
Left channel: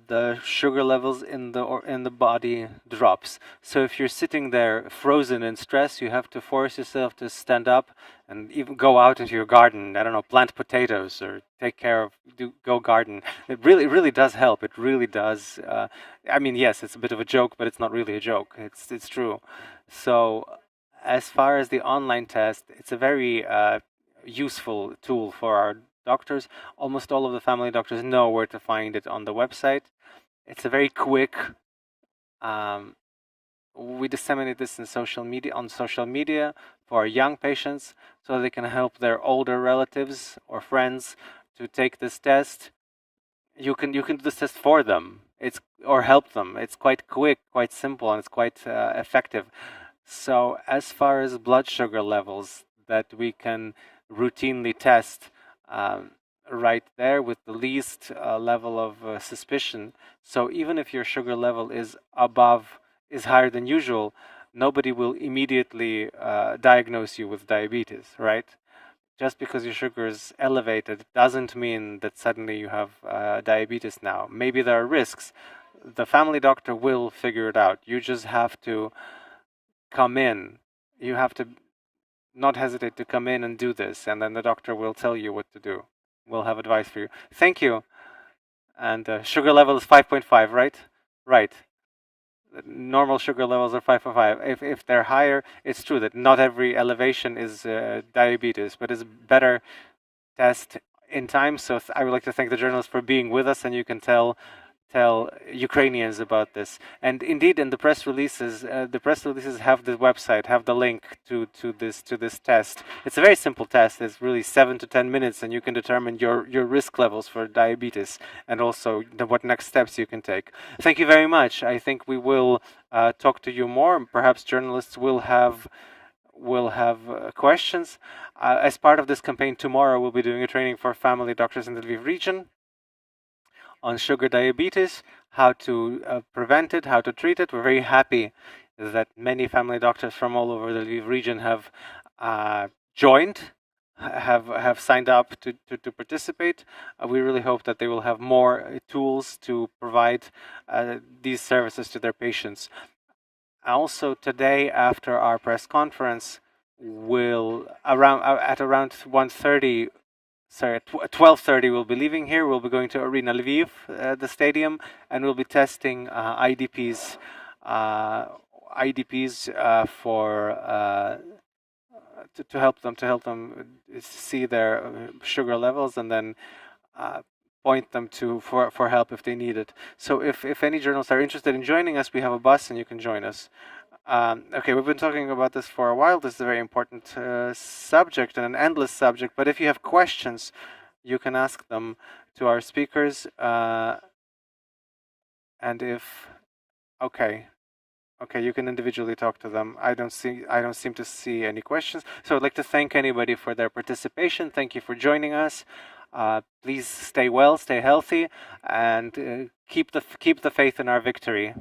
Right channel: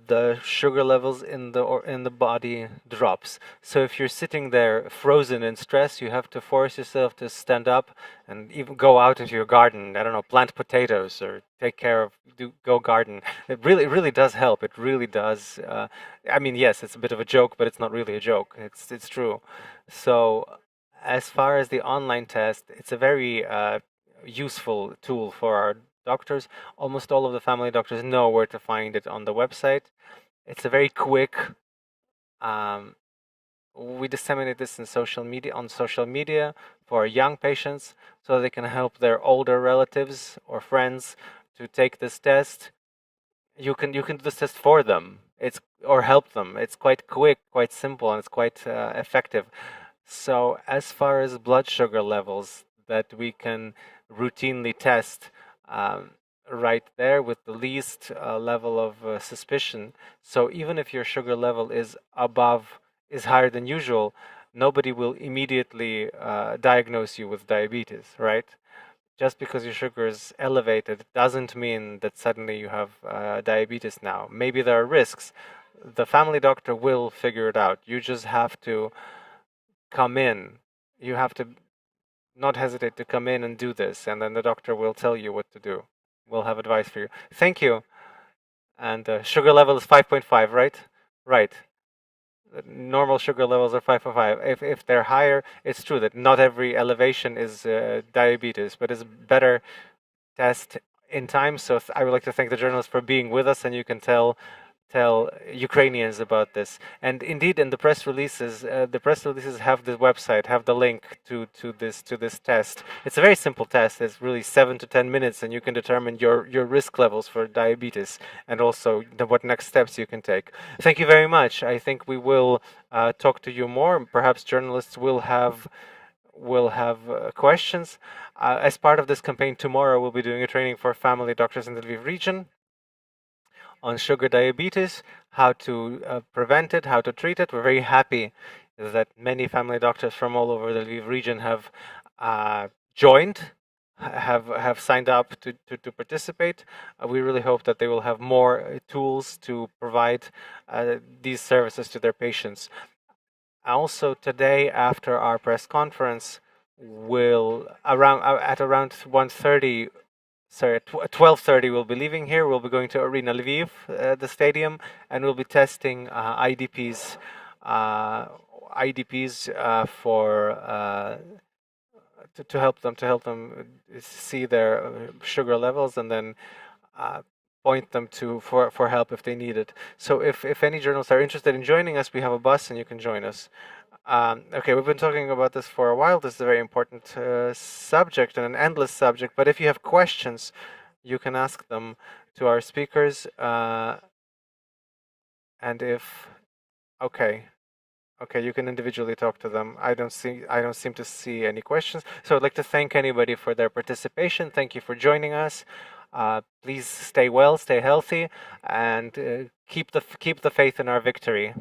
the sugar levels in the body drops. So if you're sitting there frozen in stress, you have to force yourself to stand up and even go out into your garden. I don't know, plant potatoes or take care of, go garden. It really does help. It really does. I mean, yes, it's a bit of a joke, but it's not really a joke. It's true. So as far as the online test, it's a very useful tool for our doctors. Almost all of the family doctors know where to find it on the website. It's a very quick. Um, we disseminate this in social media on social media for young patients, so they can help their older relatives or friends to take this test. You can do this test for them. It's or help them. It's quite quick, quite simple, and it's quite effective. So as far as blood sugar levels that we can routinely test, um, right there with the least level of suspicion. So even if your sugar level is higher than usual, nobody will immediately diagnose you with diabetes, right? Just because your sugar is elevated doesn't mean that suddenly you have diabetes now. Maybe there are risks. The family doctor will figure it out. You just have to come in. You have to not hesitate to come in and do this, and then the doctor will tell you what to do. We'll have advice for you. Thank you. And sugar level is 5.5, right? Right. Normal sugar levels are 5.5. If they're higher, it's true that not every elevation is diabetes, but it's better test in time. So I would like to thank the journalists for being with us, and you can tell Ukrainians about this. And indeed, in the press releases have the website, have the link to this test. It's a very simple test. It's really 7 to 10 minutes, and you can determine your risk levels for diabetes, and also what next steps you can take. Thank you very much. I think we will talk to you more. Perhaps journalists will have questions. As part of this campaign, tomorrow we'll be doing a training for family doctors in the Lviv region on sugar diabetes, how to prevent it, how to treat it. We're very happy that many family doctors from all over the Lviv region have joined, have signed up to participate. We really hope that they will have more tools to provide these services to their patients. Also, today after our press conference, will around at around 1:30. Sorry, at 12:30 we'll be leaving here. We'll be going to Arena Lviv, the stadium, and we'll be testing IDPs for to help them see their sugar levels, and then uh, point them to for help if they need it. So if any journalists are interested in joining us, we have a bus and you can join us. Okay, we've been talking about this for a while. This is a very important subject and an endless subject. But if you have questions, you can ask them to our speakers. And if okay, okay, you can individually talk to them. I don't seem to see any questions. So I'd like to thank anybody for their participation. Thank you for joining us. Please stay well, stay healthy, and keep the faith in our victory.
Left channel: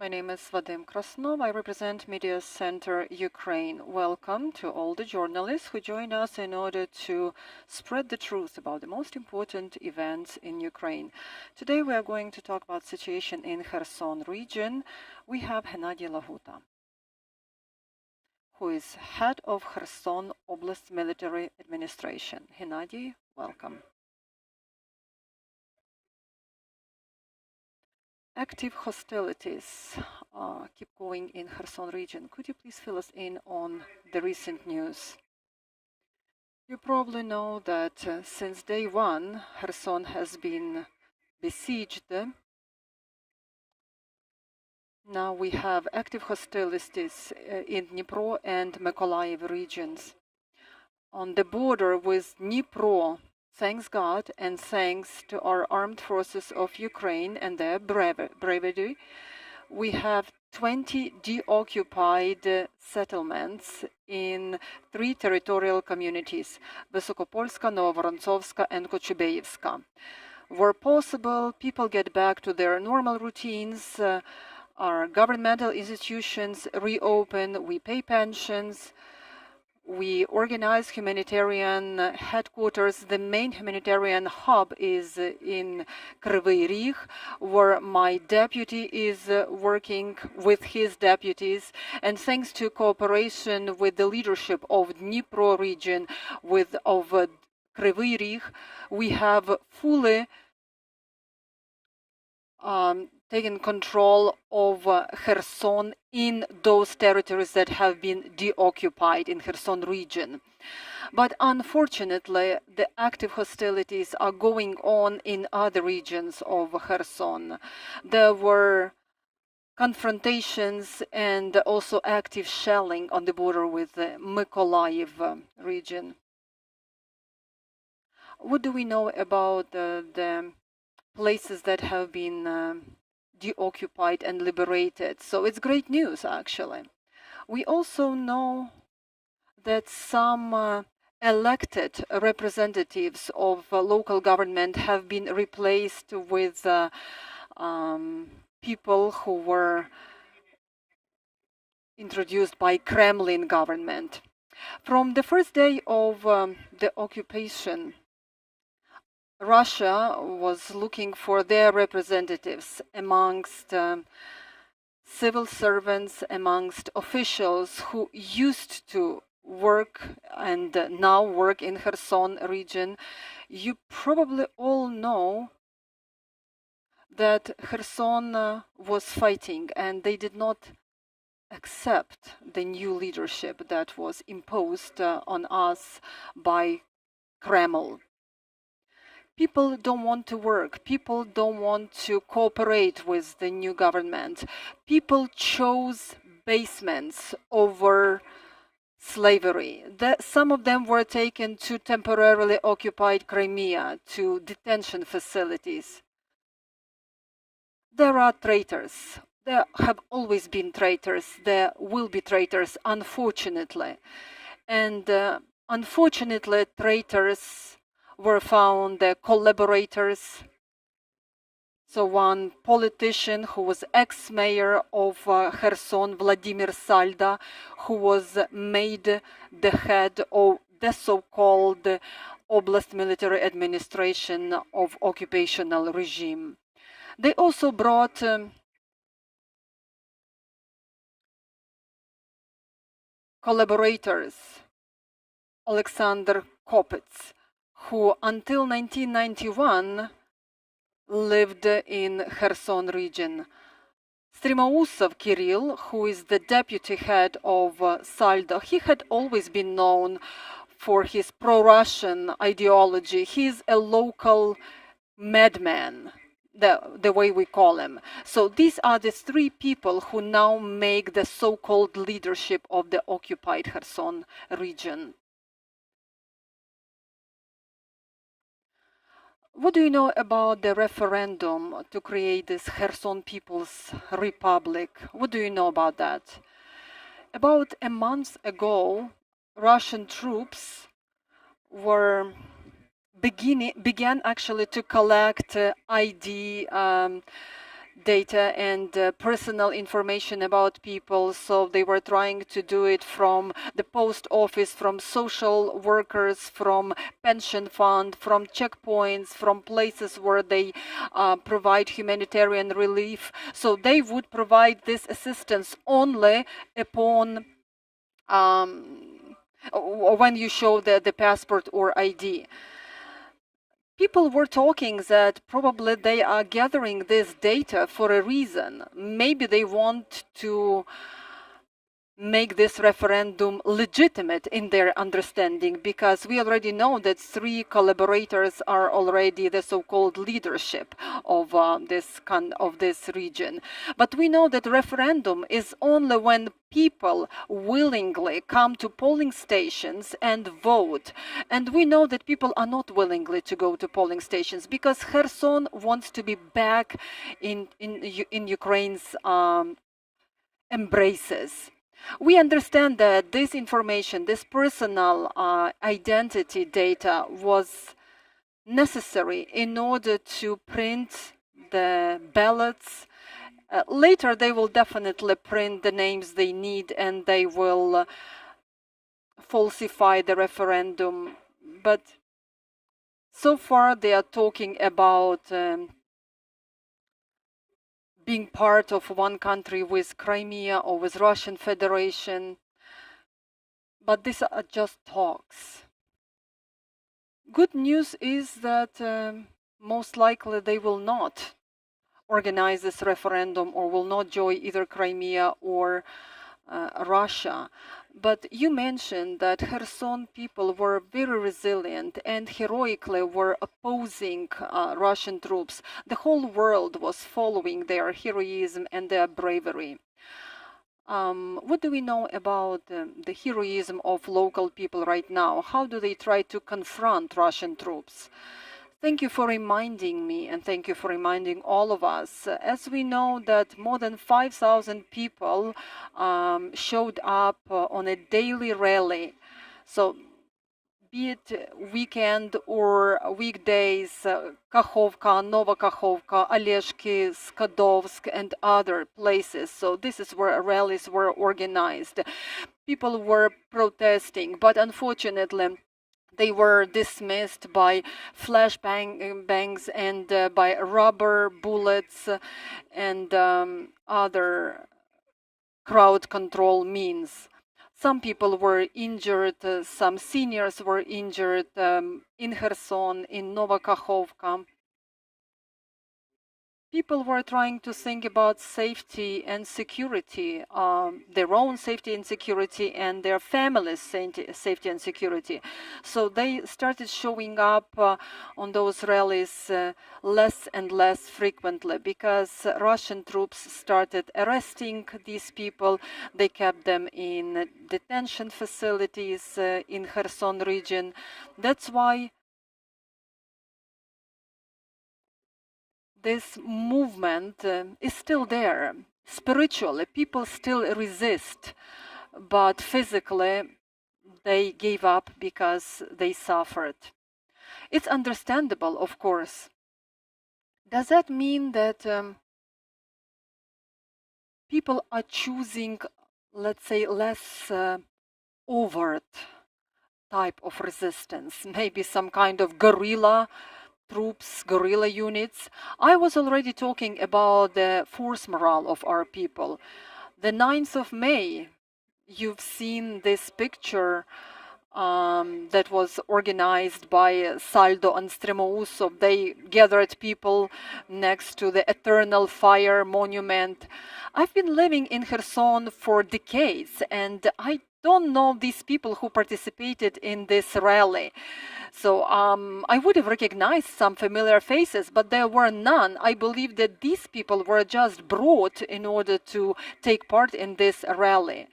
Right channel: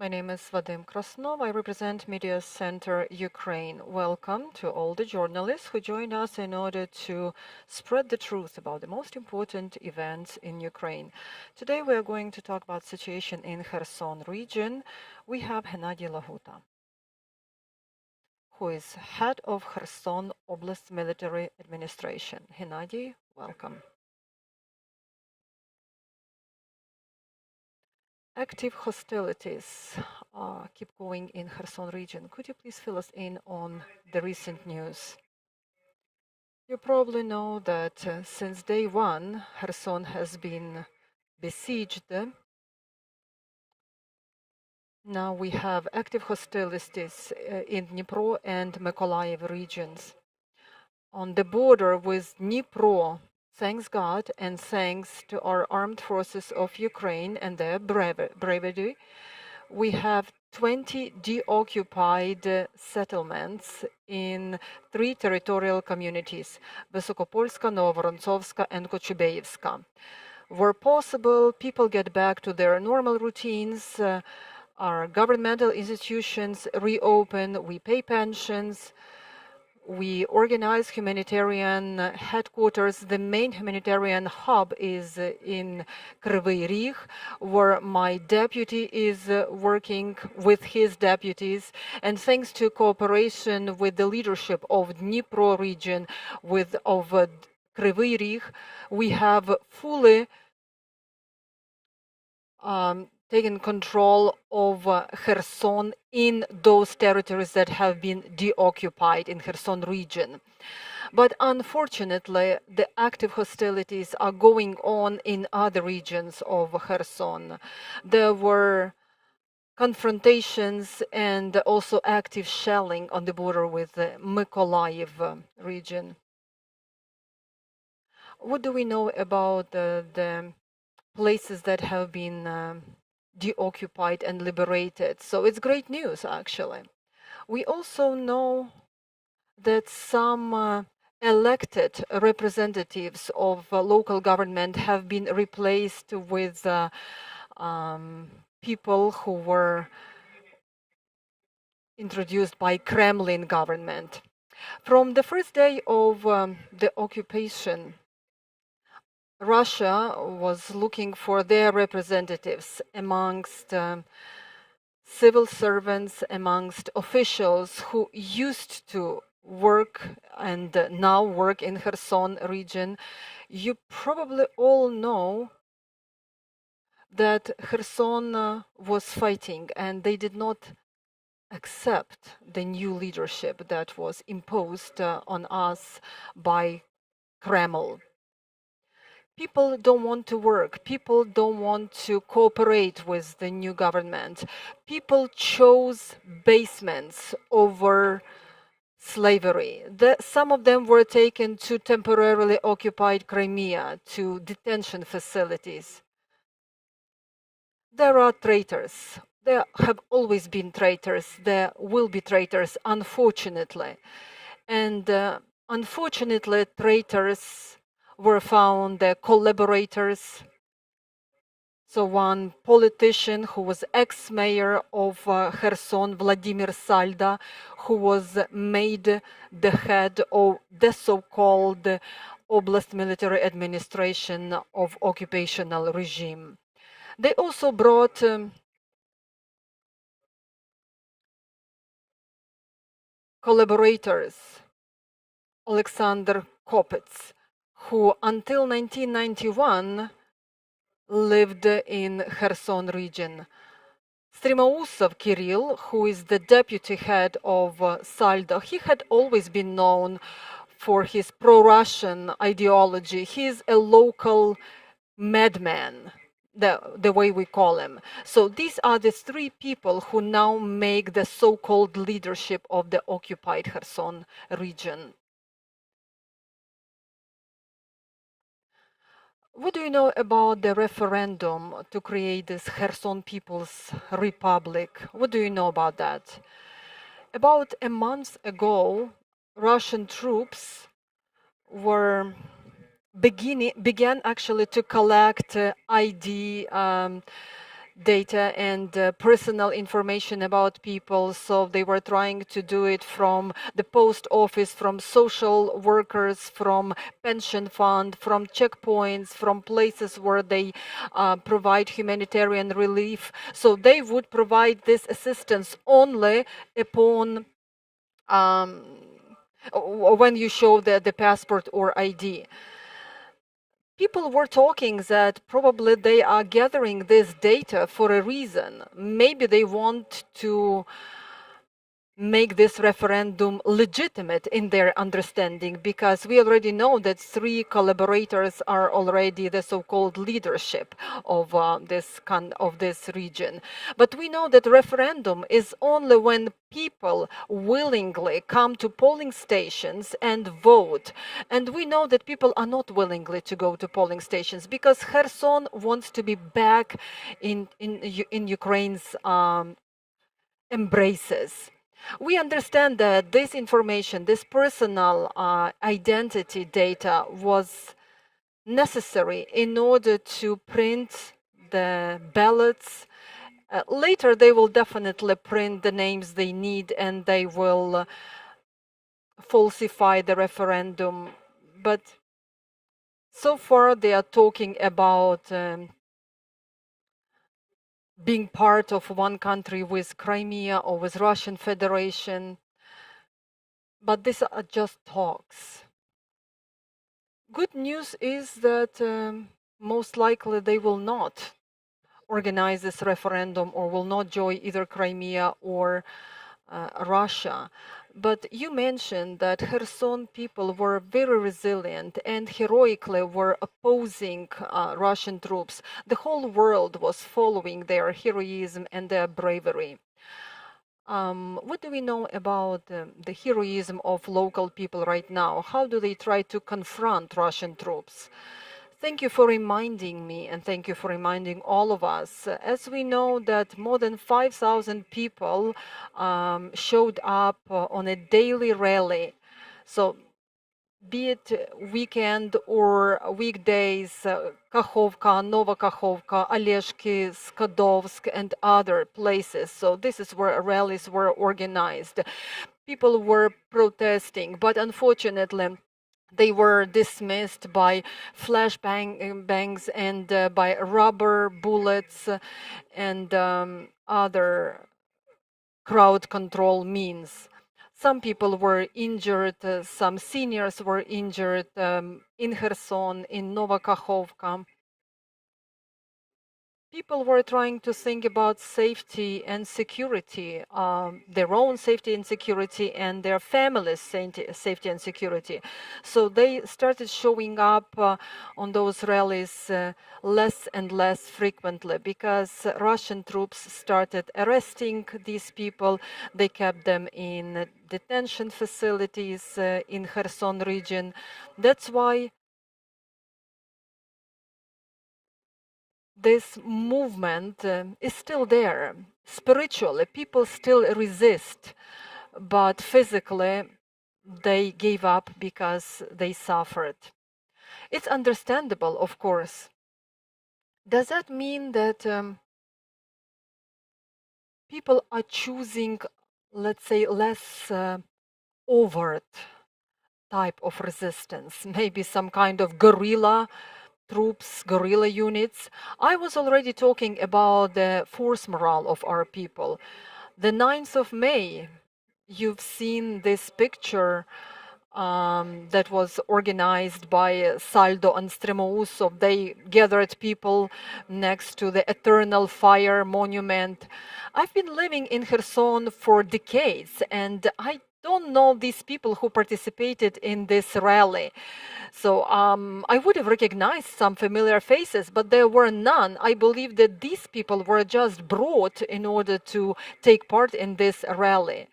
My name is Vadim Krasnov. I represent Media Center Ukraine. Welcome to all the journalists who join us in order to spread the truth about the most important events in Ukraine. Today we are going to talk about situation in Kherson region. We have Hennadiy Lahuta, who is head of Kherson Oblast military administration. Hennadiy, welcome. Active hostilities keep going in Kherson region. Could you please fill us in on the recent news? You probably know that since day one, Kherson has been besieged. Now we have active hostilities in Dnipro and Mykolaiv regions. On the border with Dnipro, thanks God and thanks to our armed forces of Ukraine and their bravery, we have 20 deoccupied settlements in 3 territorial communities, Vysokopolska, Novovorontsovska and Kochubeyevska. Where possible, people get back to their normal routines, our governmental institutions reopen, we pay pensions, we organize humanitarian headquarters. The main humanitarian hub is in Kryvyi Rih, where my deputy is working with his deputies. And thanks to cooperation with the leadership of Dnipro region, of Kryvyi Rih, we have fully taken control of Kherson in those territories that have been deoccupied in Kherson region. But unfortunately, the active hostilities are going on in other regions of Kherson. There were confrontations and also active shelling on the border with the Mykolaiv region. What do we know about the places that have been deoccupied and liberated? So it's great news, actually. We also know that some elected representatives of local government have been replaced with people who were introduced by Kremlin government. From the first day of the occupation, Russia was looking for their representatives amongst civil servants, amongst officials who used to work and now work in Kherson region. You probably all know that Kherson was fighting and they did not accept the new leadership that was imposed on us by Kremlin. People don't want to work. People don't want to cooperate with the new government. People chose basements over slavery. Some of them were taken to temporarily occupied Crimea, to detention facilities. There are traitors. There have always been traitors. There will be traitors, unfortunately. And unfortunately, traitors were found collaborators. So one politician who was ex-mayor of Kherson, Vladimir Salda, who was made the head of the so-called Oblast military administration of occupational regime. They also brought collaborators, Alexander Kopets, who until 1991 lived in Kherson region. Strimousov Kirill, who is the deputy head of Saldo, he had always been known for his pro-Russian ideology. He's a local madman, the way we call him. So these are the 3 people who now make the so-called leadership of the occupied Kherson region. What do you know about the referendum to create this Kherson People's Republic? What do you know about that? About a month ago, Russian troops began actually to collect ID data and personal information about people. So they were trying to do it from the post office, from social workers, from pension fund, from checkpoints, from places where they provide humanitarian relief. So they would provide this assistance only upon when you show the passport or ID. People were talking that probably they are gathering this data for a reason. Maybe they want to make this referendum legitimate in their understanding, because we already know that 3 collaborators are already the so-called leadership of this region. But we know that referendum is only when people willingly come to polling stations and vote. And we know that people are not willingly to go to polling stations, because Kherson wants to be back in Ukraine's embraces. We understand that this information, this personal identity data, was necessary in order to print the ballots. Later, they will definitely print the names they need, and they will falsify the referendum. But so far, they are talking about being part of one country with Crimea or with Russian Federation. But these are just talks. Good news is that most likely they will not organize this referendum or will not join either Crimea or Russia. But you mentioned that Kherson people were very resilient and heroically were opposing Russian troops. The whole world was following their heroism and their bravery. What do we know about the heroism of local people right now? How do they try to confront Russian troops? Thank you for reminding me, and thank you for reminding all of us. As we know that more than 5,000 people showed up on a daily rally. So be it weekend or weekdays, Kakhovka, Nova Kakhovka, Oleshki, Skadovsk, and other places. So this is where rallies were organized. People were protesting, but unfortunately, they were dismissed by flashbangs and by rubber bullets and other crowd control means. Some people were injured, some seniors were injured in Kherson, in Nova Kakhovka. People were trying to think about safety and security, their own safety and security, and their families' safety and security. So they started showing up on those rallies less and less frequently, because Russian troops started arresting these people. They kept them in detention facilities in Kherson region. That's why this movement is still there. Spiritually, people still resist, but physically, they gave up because they suffered. It's understandable, of course. Does that mean that people are choosing, let's say, less overt type of resistance? Maybe some kind of guerrilla troops, guerrilla units. I was already talking about the force morale of our people. The 9th of May, you've seen this picture that was organized by Saldo and Stremousov. They gathered people next to the Eternal Fire Monument. I've been living in Kherson for decades, and I don't know these people who participated in this rally. So I would have recognized some familiar faces, but there were none. I believe that these people were just brought in order to take part in this rally.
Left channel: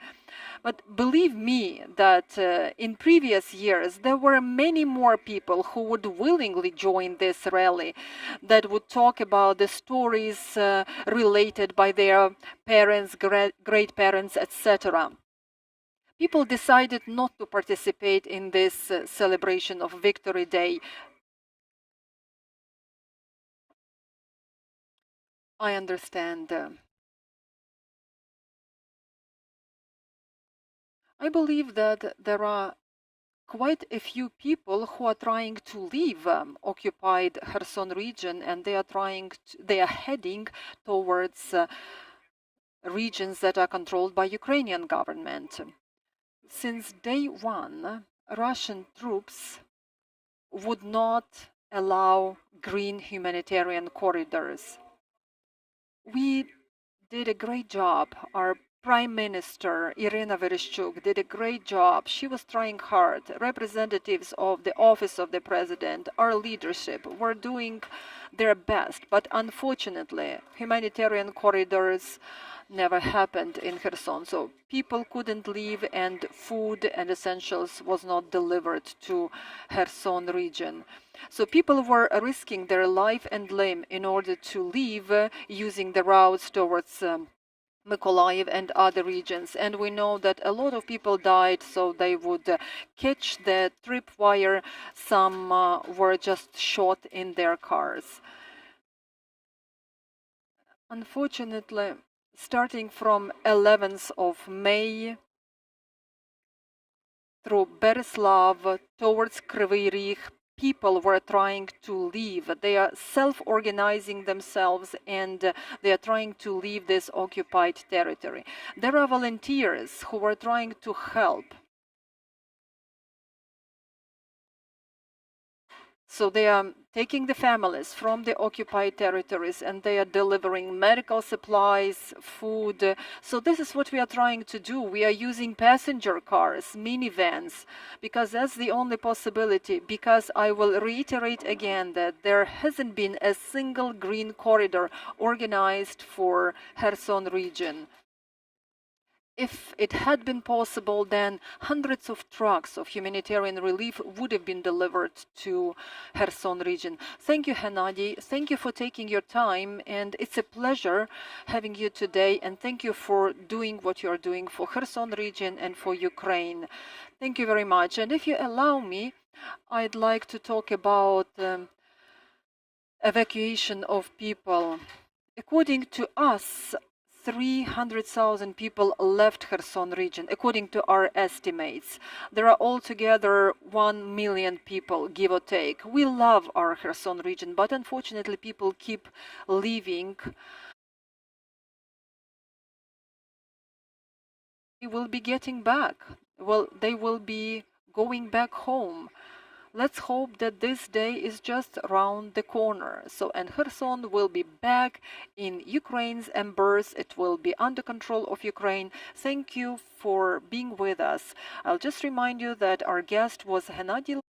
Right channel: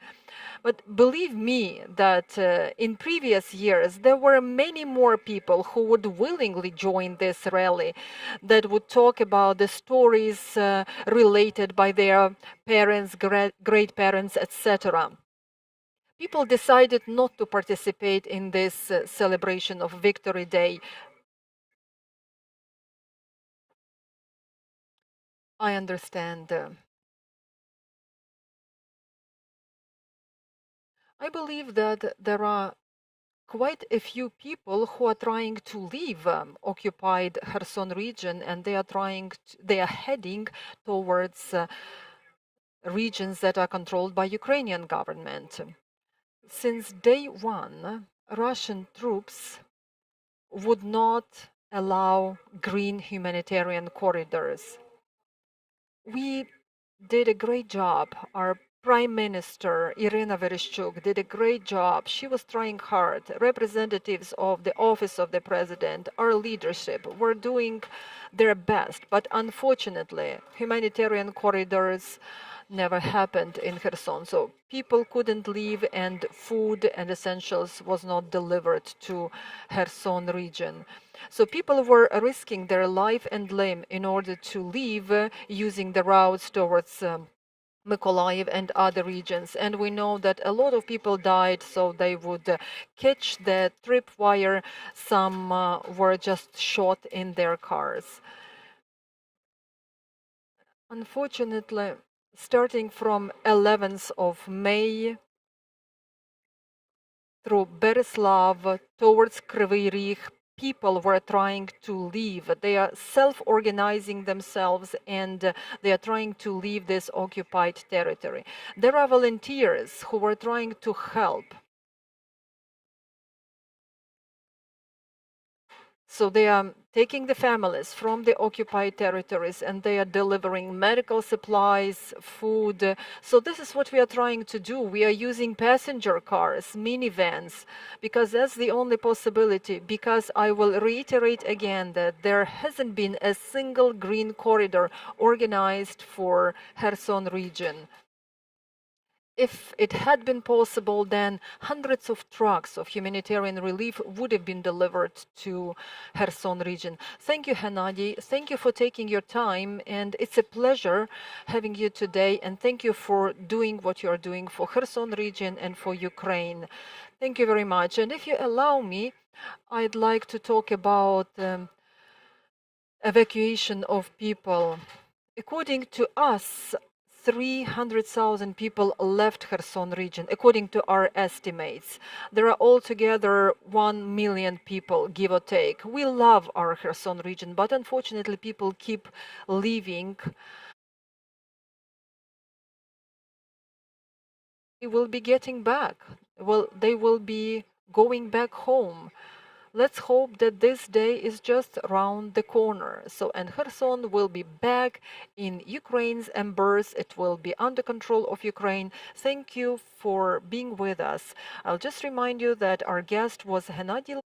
But believe me that in previous years, there were many more people who would willingly join this rally, that would talk about the stories related by their parents, great parents, etc. People decided not to participate in this celebration of Victory Day. I understand. I believe that there are quite a few people who are trying to leave occupied Kherson region, and they are heading towards regions that are controlled by Ukrainian government. Since day one, Russian troops would not allow green humanitarian corridors. We did a great job. Our Prime Minister, Iryna did a great job. She was trying hard. Representatives of the Office of the President, our leadership, were doing their best. But unfortunately, humanitarian corridors never happened in Kherson. So people couldn't leave, and food and essentials was not delivered to Kherson region. So people were risking their life and limb in order to leave using the routes towards Mykolaiv and other regions. And we know that a lot of people died, so they would catch the tripwire. Some were just shot in their cars. Unfortunately, starting from 11th of May through Bereslav towards Kryvyi Rih, people were trying to leave. They are self-organizing themselves, and they are trying to leave this occupied territory. There are volunteers who were trying to help. So they are taking the families from the occupied territories, and they are delivering medical supplies, food. So this is what we are trying to do. We are using passenger cars, minivans, because that's the only possibility. Because I will reiterate again that there hasn't been a single green corridor organized for Kherson region. If it had been possible, then hundreds of trucks of humanitarian relief would have been delivered to Kherson region. Thank you, Hennadiy. Thank you for taking your time, and it's a pleasure having you today, and thank you for doing what you are doing for Kherson region and for Ukraine. Thank you very much. And if you allow me, I'd like to talk about evacuation of people. According to us, 300,000 people left Kherson region, according to our estimates. There are altogether 1 million people, give or take. We love our Kherson region, but unfortunately people keep leaving. They will be getting back. Well, they will be going back home. Let's hope that this day is just around the corner. So, and Kherson will be back in Ukraine's embers. It will be under control of Ukraine. Thank you for being with us. I'll just remind you that our guest was Hennadiy.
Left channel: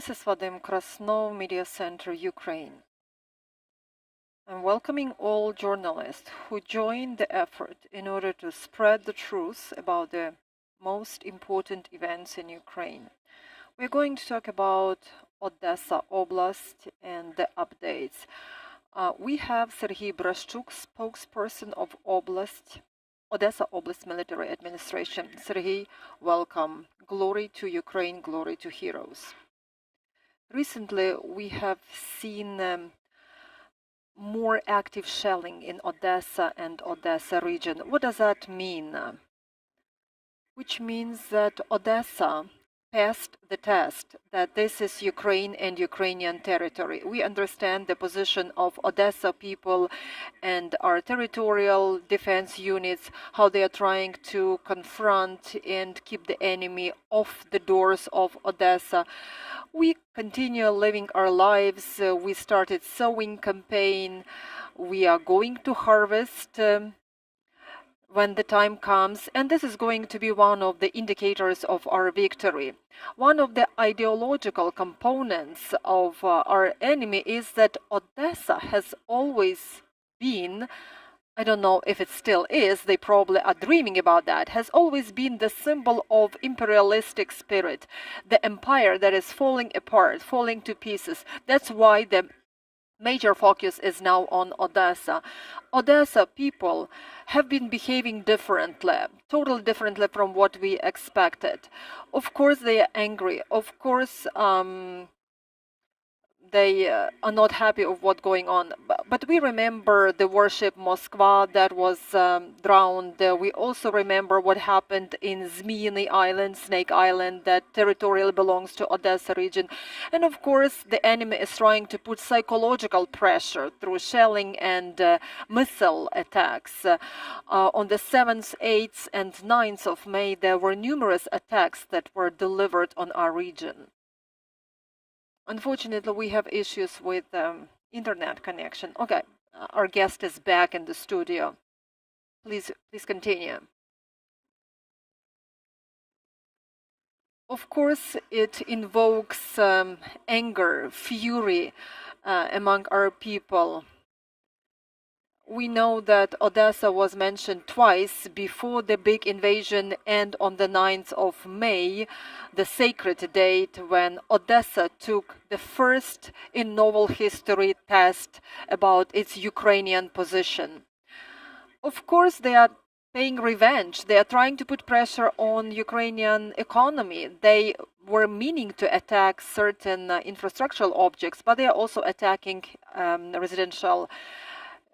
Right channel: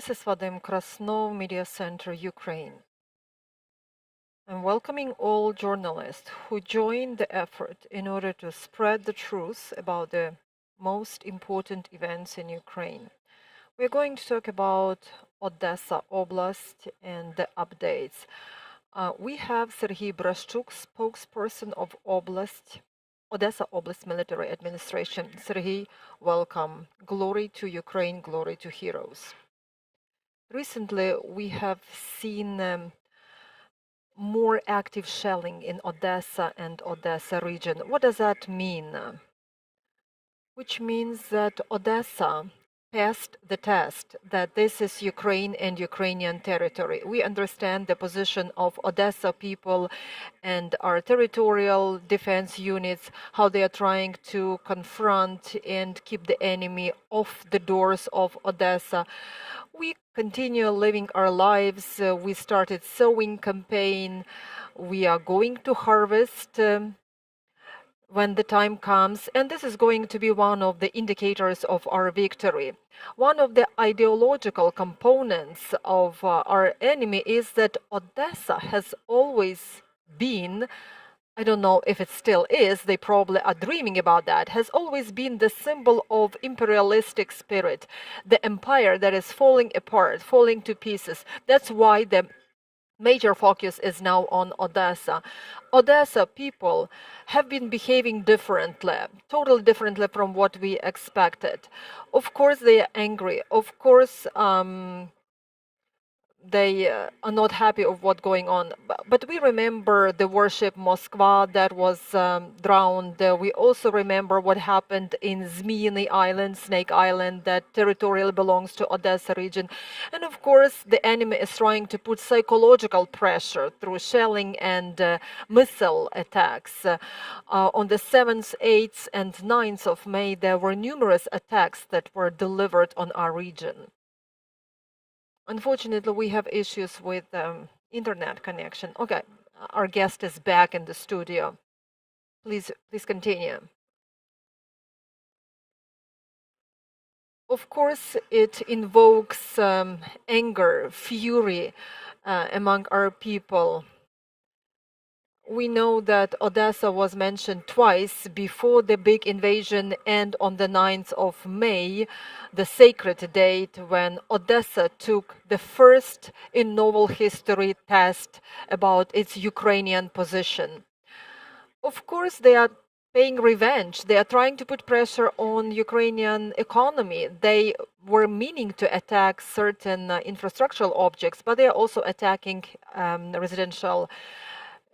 This is Vadim Krasnov, Media Center, Ukraine. I'm welcoming all journalists who join the effort in order to spread the truth about the most important events in Ukraine. We're going to talk about Odesa Oblast and the updates. We have Serhiy Bratchuk, spokesperson of Odesa Oblast Military Administration. Serhiy, welcome. Glory to Ukraine, glory to heroes. Recently, we have seen more active shelling in Odesa and Odesa region. What does that mean? Which means that Odesa passed the test, that this is Ukraine and Ukrainian territory. We understand the position of Odesa people and our territorial defense units, how they are trying to confront and keep the enemy off the doors of Odesa. We continue living our lives. We started sowing campaign. We are going to harvest when the time comes, and this is going to be one of the indicators of our victory. One of the ideological components of our enemy is that Odesa has always been, I don't know if it still is, they probably are dreaming about that, has always been the symbol of imperialistic spirit, the empire that is falling apart, falling to pieces. That's why the major focus is now on Odesa. Odesa people have been behaving differently, totally differently from what we expected. Of course, they are angry. Of course, they are not happy of what's going on. But we remember the warship Moskva that was drowned. We also remember what happened in Zmyiny Island, Snake Island, that territorially belongs to Odesa region. And of course, the enemy is trying to put psychological pressure through shelling and missile attacks. On the 7th, 8th, and 9th of May, there were numerous attacks that were delivered on our region. Unfortunately, we have issues with internet connection. Okay, our guest is back in the studio. Please continue. Of course, it invokes anger, fury among our people. We know that Odesa was mentioned twice before the big invasion and on the 9th of May, the sacred date when Odesa took the first in novel history test about its Ukrainian position. Of course, they are paying revenge. They are trying to put pressure on Ukrainian economy. They were meaning to attack certain infrastructural objects, but they are also attacking residential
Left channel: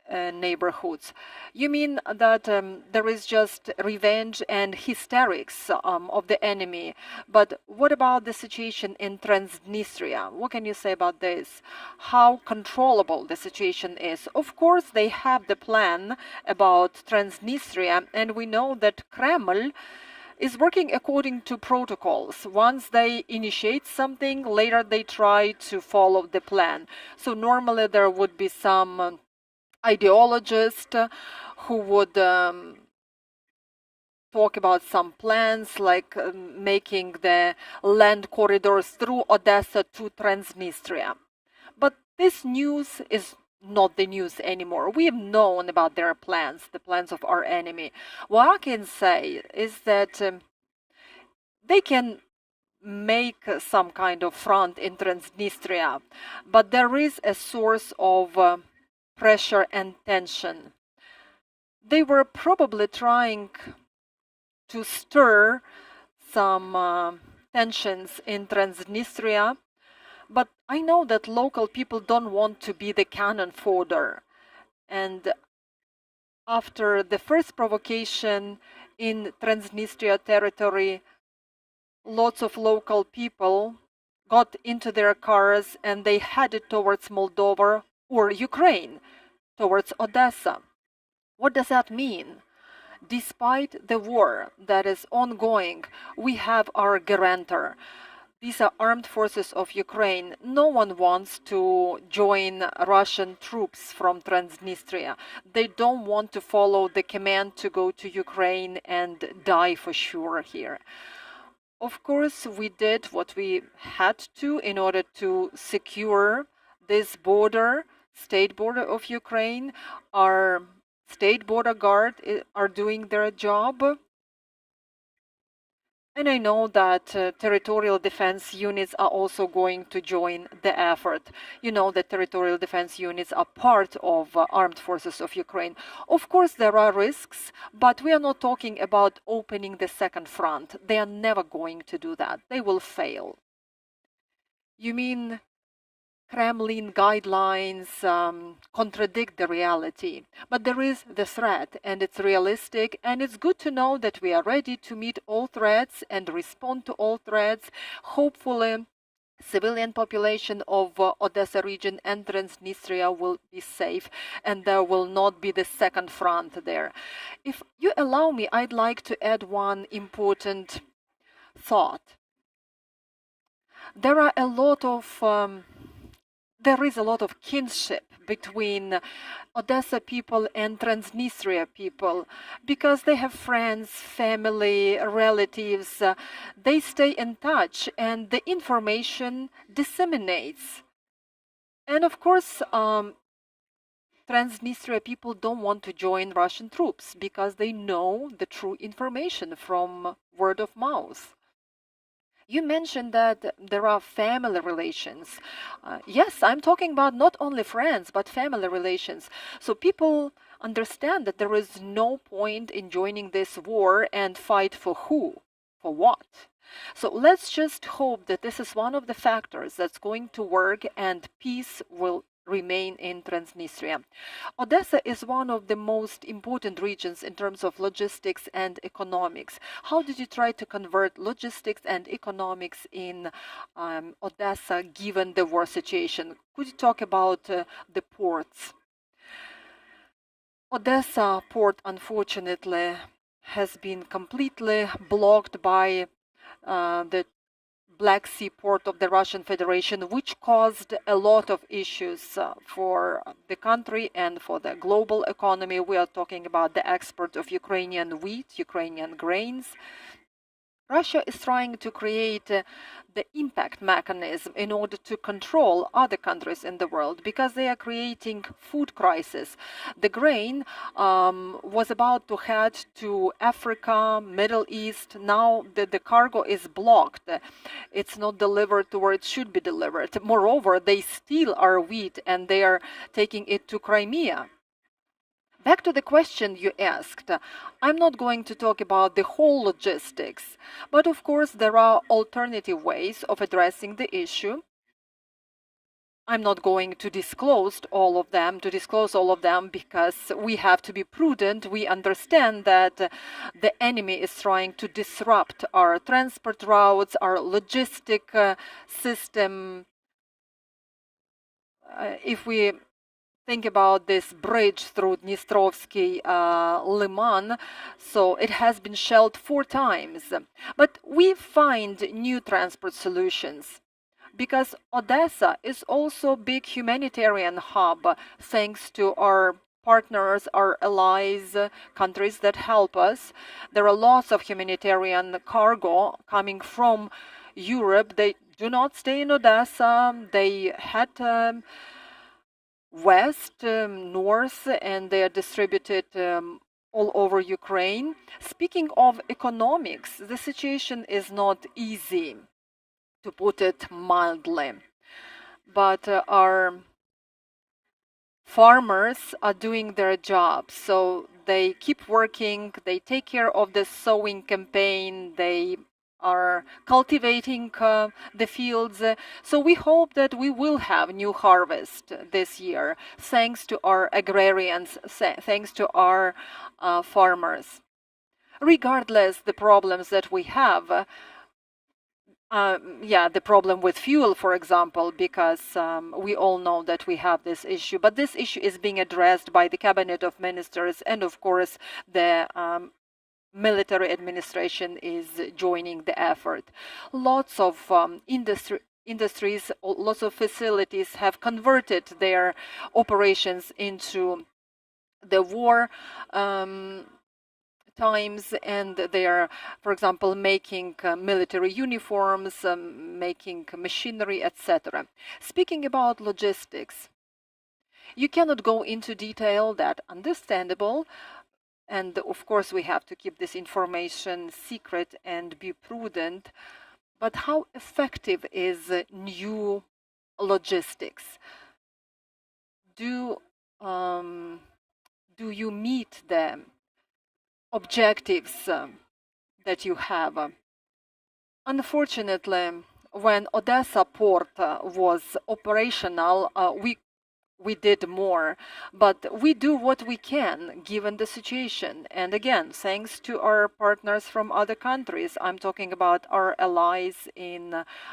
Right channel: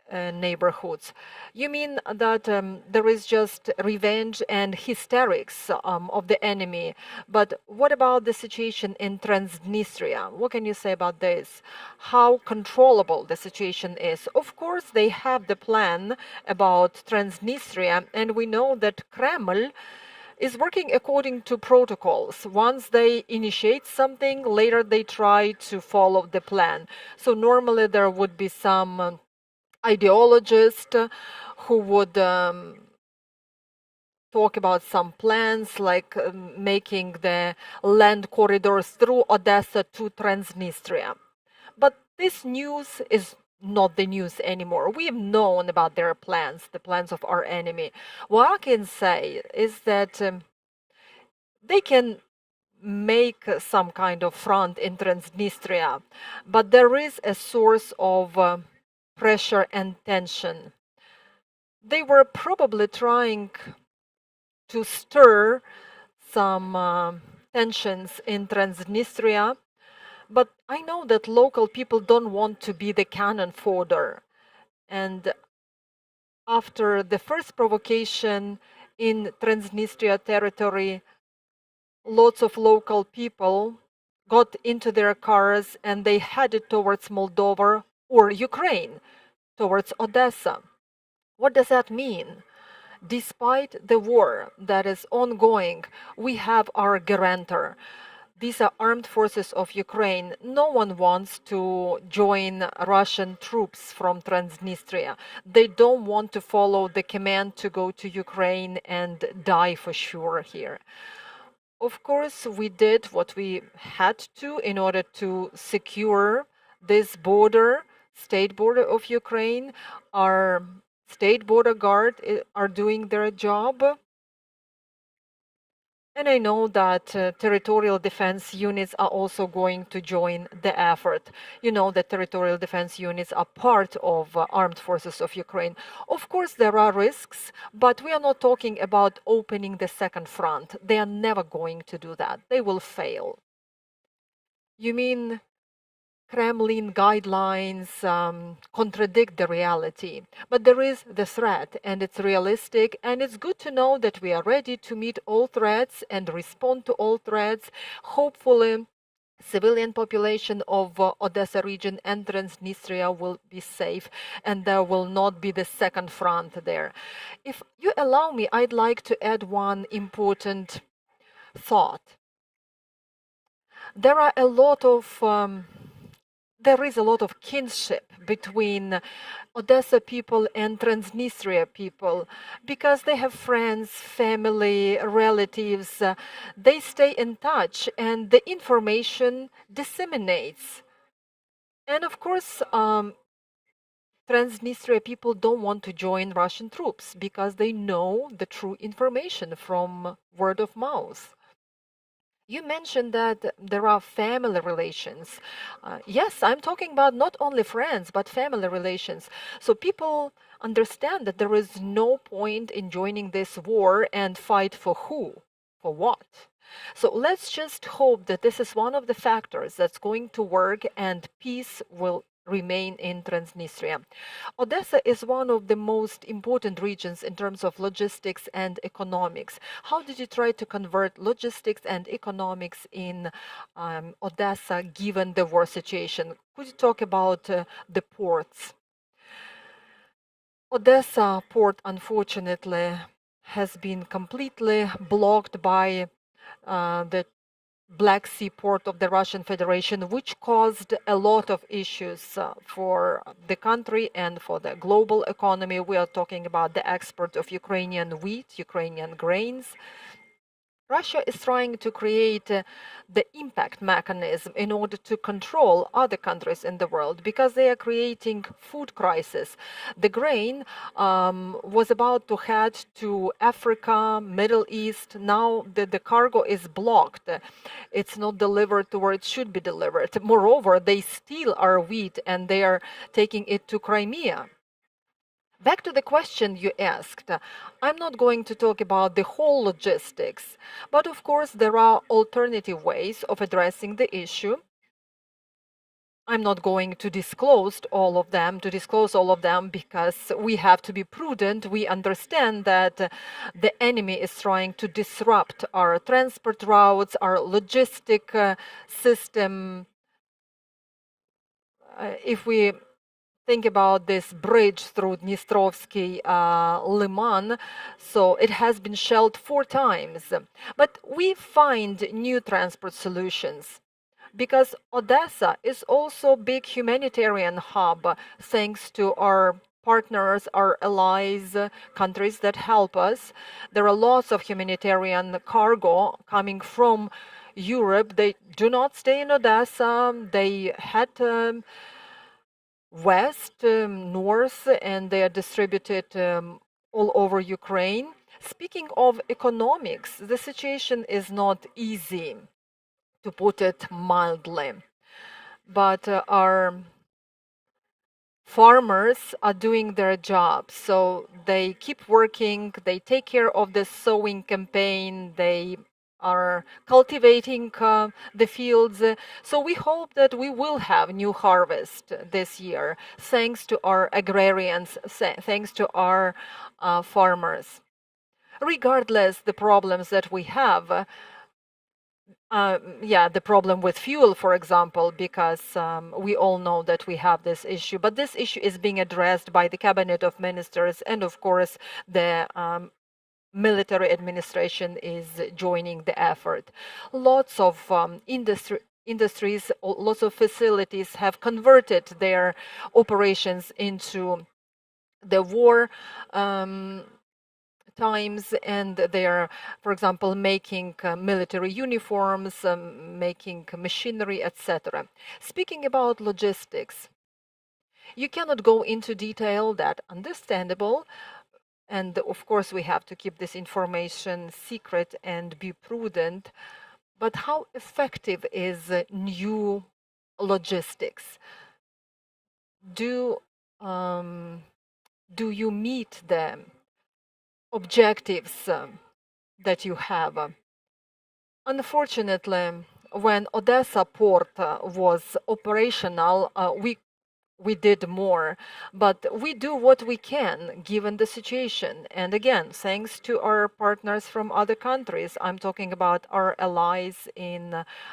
neighborhoods. You mean that there is just revenge and hysterics of the enemy, but what about the situation in Transnistria? What can you say about this? How controllable the situation is? Of course, they have the plan about Transnistria, and we know that Kremlin is working according to protocols. Once they initiate something, later they try to follow the plan. So normally there would be some ideologist who would talk about some plans like making the land corridors through Odesa to Transnistria. But this news is not the news anymore. We have known about their plans, the plans of our enemy. What I can say is that they can make some kind of front in Transnistria, but there is a source of pressure and tension. They were probably trying to stir some tensions in Transnistria, but I know that local people don't want to be the cannon fodder. And after the first provocation in Transnistria territory, lots of local people got into their cars and they headed towards Moldova or Ukraine, towards Odesa. What does that mean? Despite the war that is ongoing, we have our guarantor. These are armed forces of Ukraine. No one wants to join Russian troops from Transnistria. They don't want to follow the command to go to Ukraine and die for sure here. Of course, we did what we had to in order to secure this border, state border of Ukraine. Our state border guard are doing their job. And I know that territorial defense units are also going to join the effort. You know that territorial defense units are part of armed forces of Ukraine. Of course, there are risks, but we are not talking about opening the second front. They are never going to do that. They will fail. You mean Kremlin guidelines contradict the reality. But there is the threat, and it's realistic, and it's good to know that we are ready to meet all threats and respond to all threats. Hopefully, civilian population of Odesa region and Transnistria will be safe, and there will not be the second front there. If you allow me, I'd like to add one important thought. There are a lot of there is a lot of kinship between Odessa people and Transnistria people because they have friends, family, relatives. They stay in touch and the information disseminates. And of course, Transnistria people don't want to join Russian troops because they know the true information from word of mouth. You mentioned that there are family relations. Yes, I'm talking about not only friends, but family relations. So people understand that there is no point in joining this war and fight for who, for what. So let's just hope that this is one of the factors that's going to work and peace will remain in Transnistria. Odessa is one of the most important regions in terms of logistics and economics. How did you try to convert logistics and economics in Odessa given the war situation? Could you talk about the ports? Odessa port, unfortunately, has been completely blocked by the Black Sea port of the Russian Federation, which caused a lot of issues for the country and for the global economy. We are talking about the export of Ukrainian wheat, Ukrainian grains. Russia is trying to create the impact mechanism in order to control other countries in the world because they are creating food crisis. The grain was about to head to Africa, Middle East. Now the cargo is blocked. It's not delivered to where it should be delivered. Moreover, they steal our wheat and they are taking it to Crimea. Back to the question you asked, I'm not going to talk about the whole logistics, but of course there are alternative ways of addressing the issue. I'm not going to disclose all of them, because we have to be prudent. We understand that the enemy is trying to disrupt our transport routes, our logistic system. If we think about this bridge through Dnistrovsky Liman, so it has been shelled 4 times. But we find new transport solutions because Odessa is also a big humanitarian hub thanks to our partners, our allies, countries that help us. There are lots of humanitarian cargo coming from Europe. They do not stay in Odessa. They had west, north, and they are distributed all over Ukraine. Speaking of economics, the situation is not easy, to put it mildly. But our farmers are doing their job. So they keep working, they take care of the sowing campaign, they are cultivating the fields. So we hope that we will have new harvest this year, thanks to our agrarians, thanks to our farmers. Regardless the problems that we have, the problem with fuel, for example, because we all know that we have this issue. But this issue is being addressed by the Cabinet of Ministers, and of course, the military administration is joining the effort. Lots of industries, lots of facilities have converted their operations into the war times, and they are, for example, making military uniforms, making machinery, etc. Speaking about logistics, you cannot go into detail, that understandable, and of course we have to keep this information secret and be prudent. But how effective is new logistics? Do you meet the objectives that you have? Unfortunately, when Odesa port was operational, we did more, but we do what we can given the situation. And again, thanks to our partners from other countries, I'm talking about our allies in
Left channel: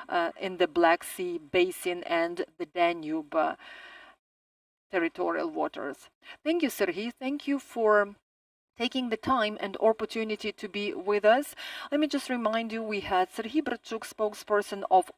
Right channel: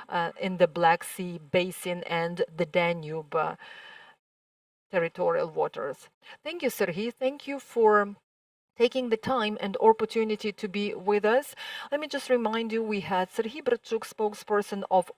the Black Sea Basin and the Danube territorial waters. Thank you, Serhiy. Thank you for taking the time and opportunity to be with us. Let me just remind you, we had Serhiy Bratchuk, spokesperson of